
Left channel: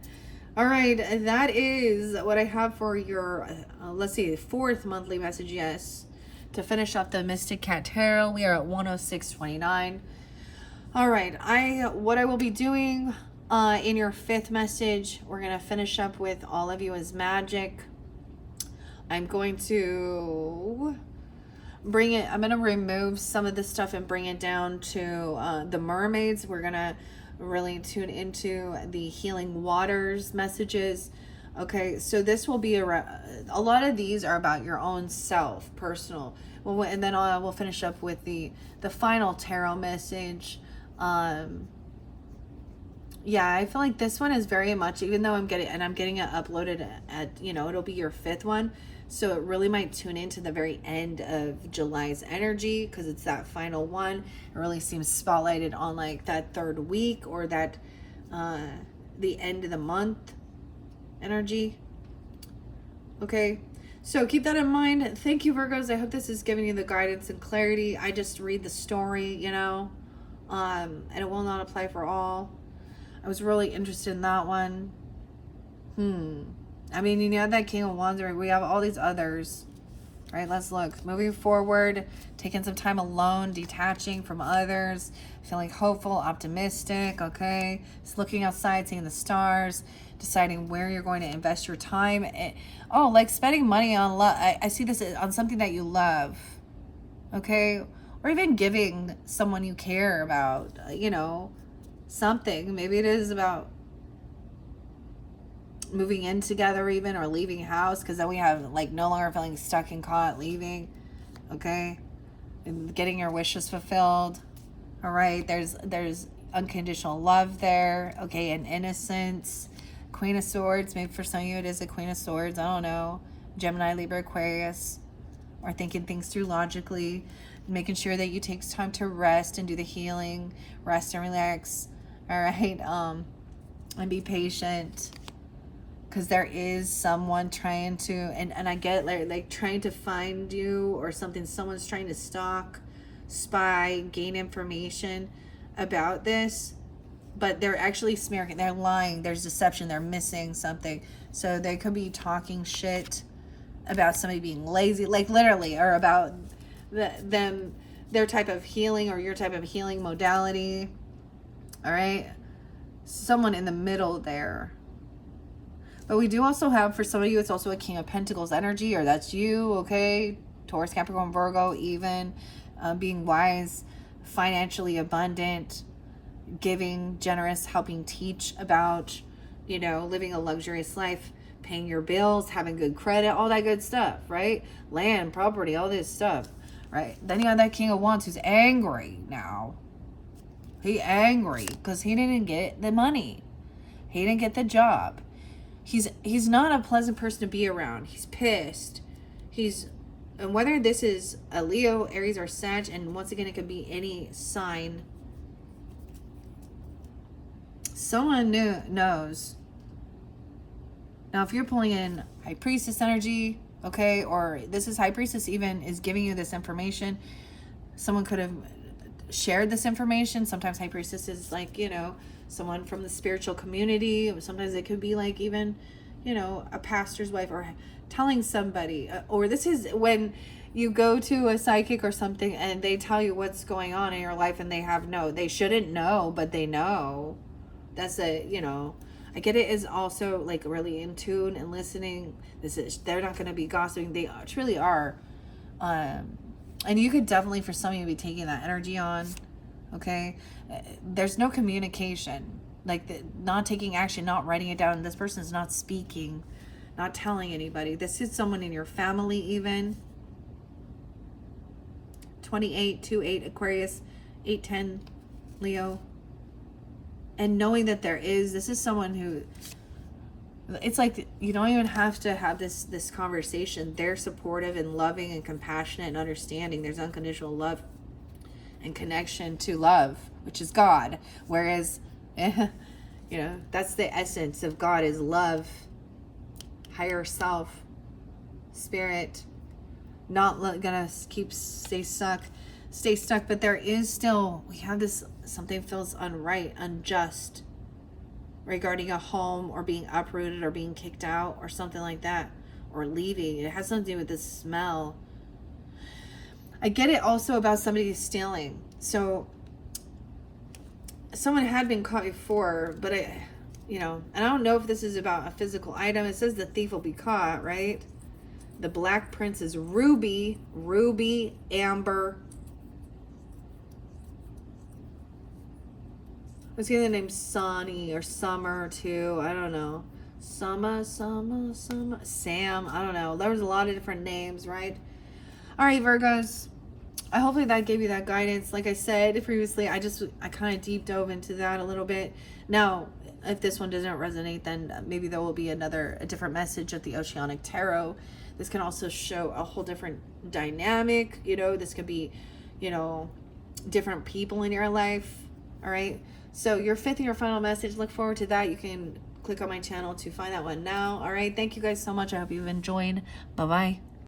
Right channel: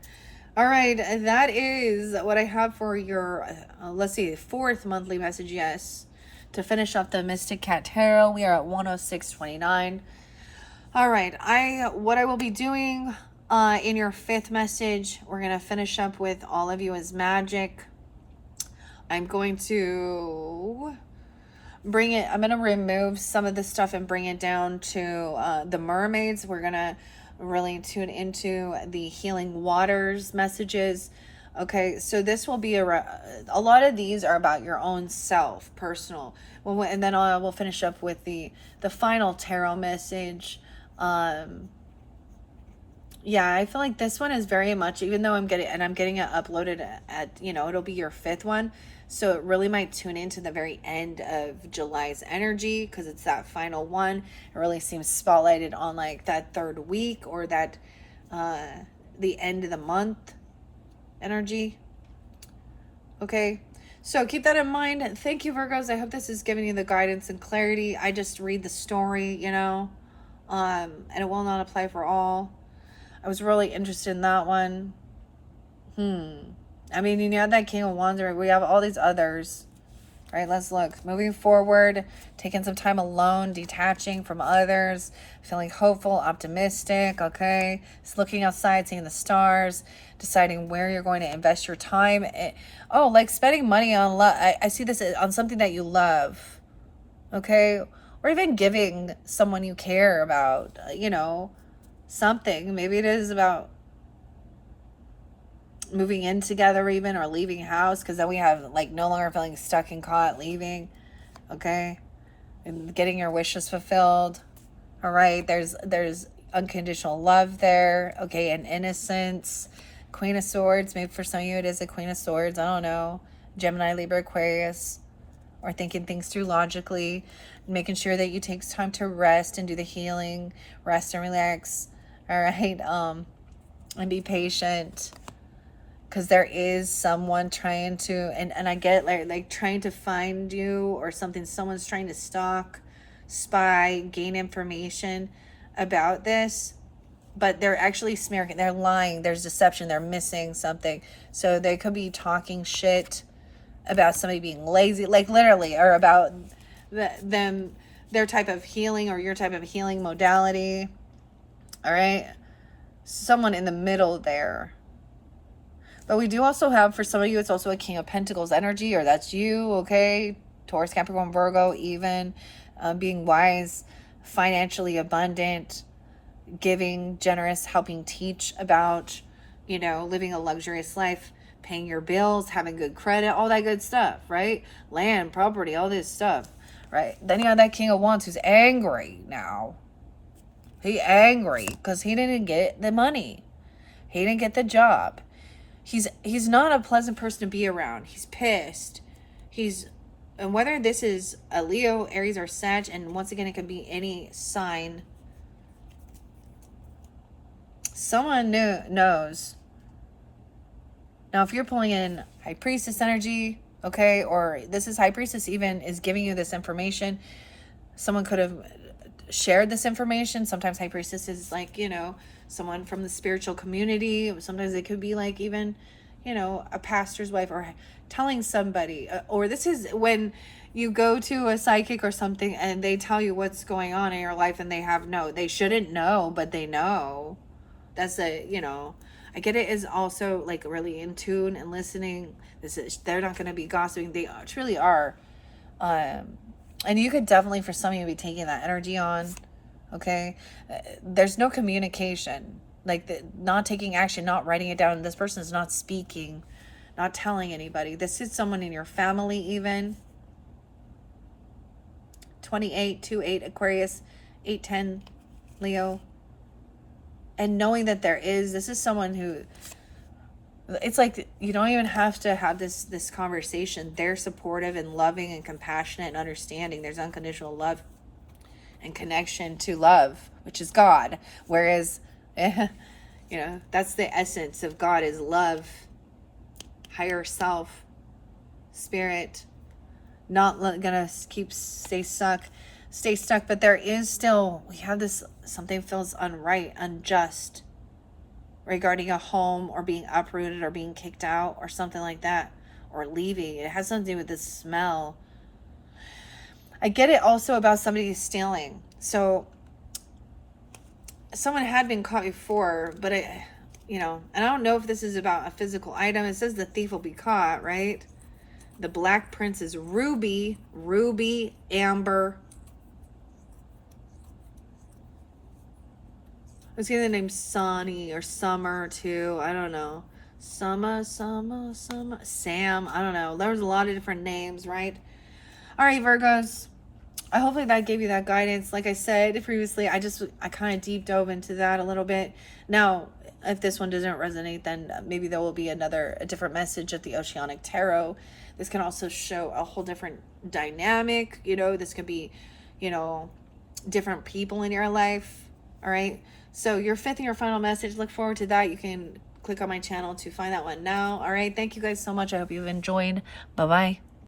All right, that is what I have for your, let's see, fourth monthly message, yes. To finish up the Mystic Cat Tarot, we are at 106.29. All right, what I will be doing in your fifth message, we're going to finish up with all of you as magic. I'm going to I'm going to remove some of the stuff and bring it down to the mermaids. We're going to really tune into the healing waters messages. Okay, so this will be a lot of these are about your own self, personal. And then we'll finish up with the final tarot message. Yeah, I feel like this one is very much, even though I'm getting it uploaded at, you know, it'll be your fifth one. So it really might tune into the very end of July's energy because it's that final one. It really seems spotlighted on like that third week or that the end of the month energy. Okay, so keep that in mind. Thank you, Virgos. I hope this is giving you the guidance and clarity. I just read the story, you know, and it will not apply for all. I was really interested in that one. I mean, you know, that King of Wands, we have all these others. All right, let's look. Moving forward, taking some time alone, detaching from others, feeling hopeful, optimistic, okay? Just looking outside, seeing the stars, deciding where you're going to invest your time. Like spending money on love. I see this on something that you love, okay? Or even giving someone you care about, you know, something. Maybe it is about moving in together even, or leaving house, because then we have like no longer feeling stuck and caught, leaving, okay, and getting your wishes fulfilled. All right, there's unconditional love there, okay, and innocence. Queen of Swords, maybe for some of you it is a Queen of Swords, I don't know. Gemini, Libra, Aquarius, or thinking things through logically, making sure that you take time to rest and do the healing, rest and relax. All right, and be patient. Because there is someone trying to, and I get like trying to find you or something. Someone's trying to stalk, spy, gain information about this. But they're actually smearing, they're lying, there's deception, they're missing something. So they could be talking shit about somebody being lazy, like literally, or about their type of healing or your type of healing modality. All right? Someone in the middle there. But we do also have, for some of you, it's also a King of Pentacles energy, or that's you, okay? Taurus, Capricorn, Virgo, even. Being wise, financially abundant, giving, generous, helping teach about, you know, living a luxurious life, paying your bills, having good credit, all that good stuff, right? Land, property, all this stuff, right? Then you have that King of Wands who's angry now. He's angry because he didn't get the money. He didn't get the job. He's not a pleasant person to be around. He's pissed. And whether this is a Leo, Aries, or Sag, and once again, it could be any sign Someone knows. Now, if you're pulling in High Priestess energy, okay, or this is High Priestess even is giving you this information, someone could have shared this information. Sometimes High Priestess is like, you know, someone from the spiritual community. Sometimes it could be like even, you know, a pastor's wife, or telling somebody, or this is when you go to a psychic or something and they tell you what's going on in your life, and they shouldn't know, but they know. That's a, you know, I get it, is also like really in tune and listening. They're not going to be gossiping. They truly are. And you could definitely, for some of you, be taking that energy on. Okay. There's no communication, like not taking action, not writing it down. This person is not speaking, not telling anybody. This is someone in your family, even. 28, 2-8 Aquarius, 8-10 Leo. And knowing that this is someone who, it's like you don't even have to have this conversation. They're supportive and loving and compassionate and understanding. There's unconditional love and connection to love, which is God. Whereas, you know, that's the essence of God, is love, higher self, spirit. Not gonna stay stuck. But there is still, we have this, something feels unjust regarding a home, or being uprooted, or being kicked out, or something like that, or leaving. It has something to do with this smell. I get it also about somebody stealing. So someone had been caught before, but you know, and I don't know if this is about a physical item. It says the thief will be caught, right? The Black Prince is ruby, amber. I was getting the name Sonny or Summer too. I don't know. Sam. I don't know. There was a lot of different names, right? All right, Virgos. Hopefully that gave you that guidance. Like I said previously, I kind of deep dove into that a little bit. Now, if this one doesn't resonate, then maybe there will be a different message of the Oceanic Tarot. This can also show a whole different dynamic. You know, this could be, you know, different people in your life. All right. So your fifth and your final message, look forward to that. You can click on my channel to find that one now. All right. Thank you guys so much. I hope you've enjoyed. Bye-bye.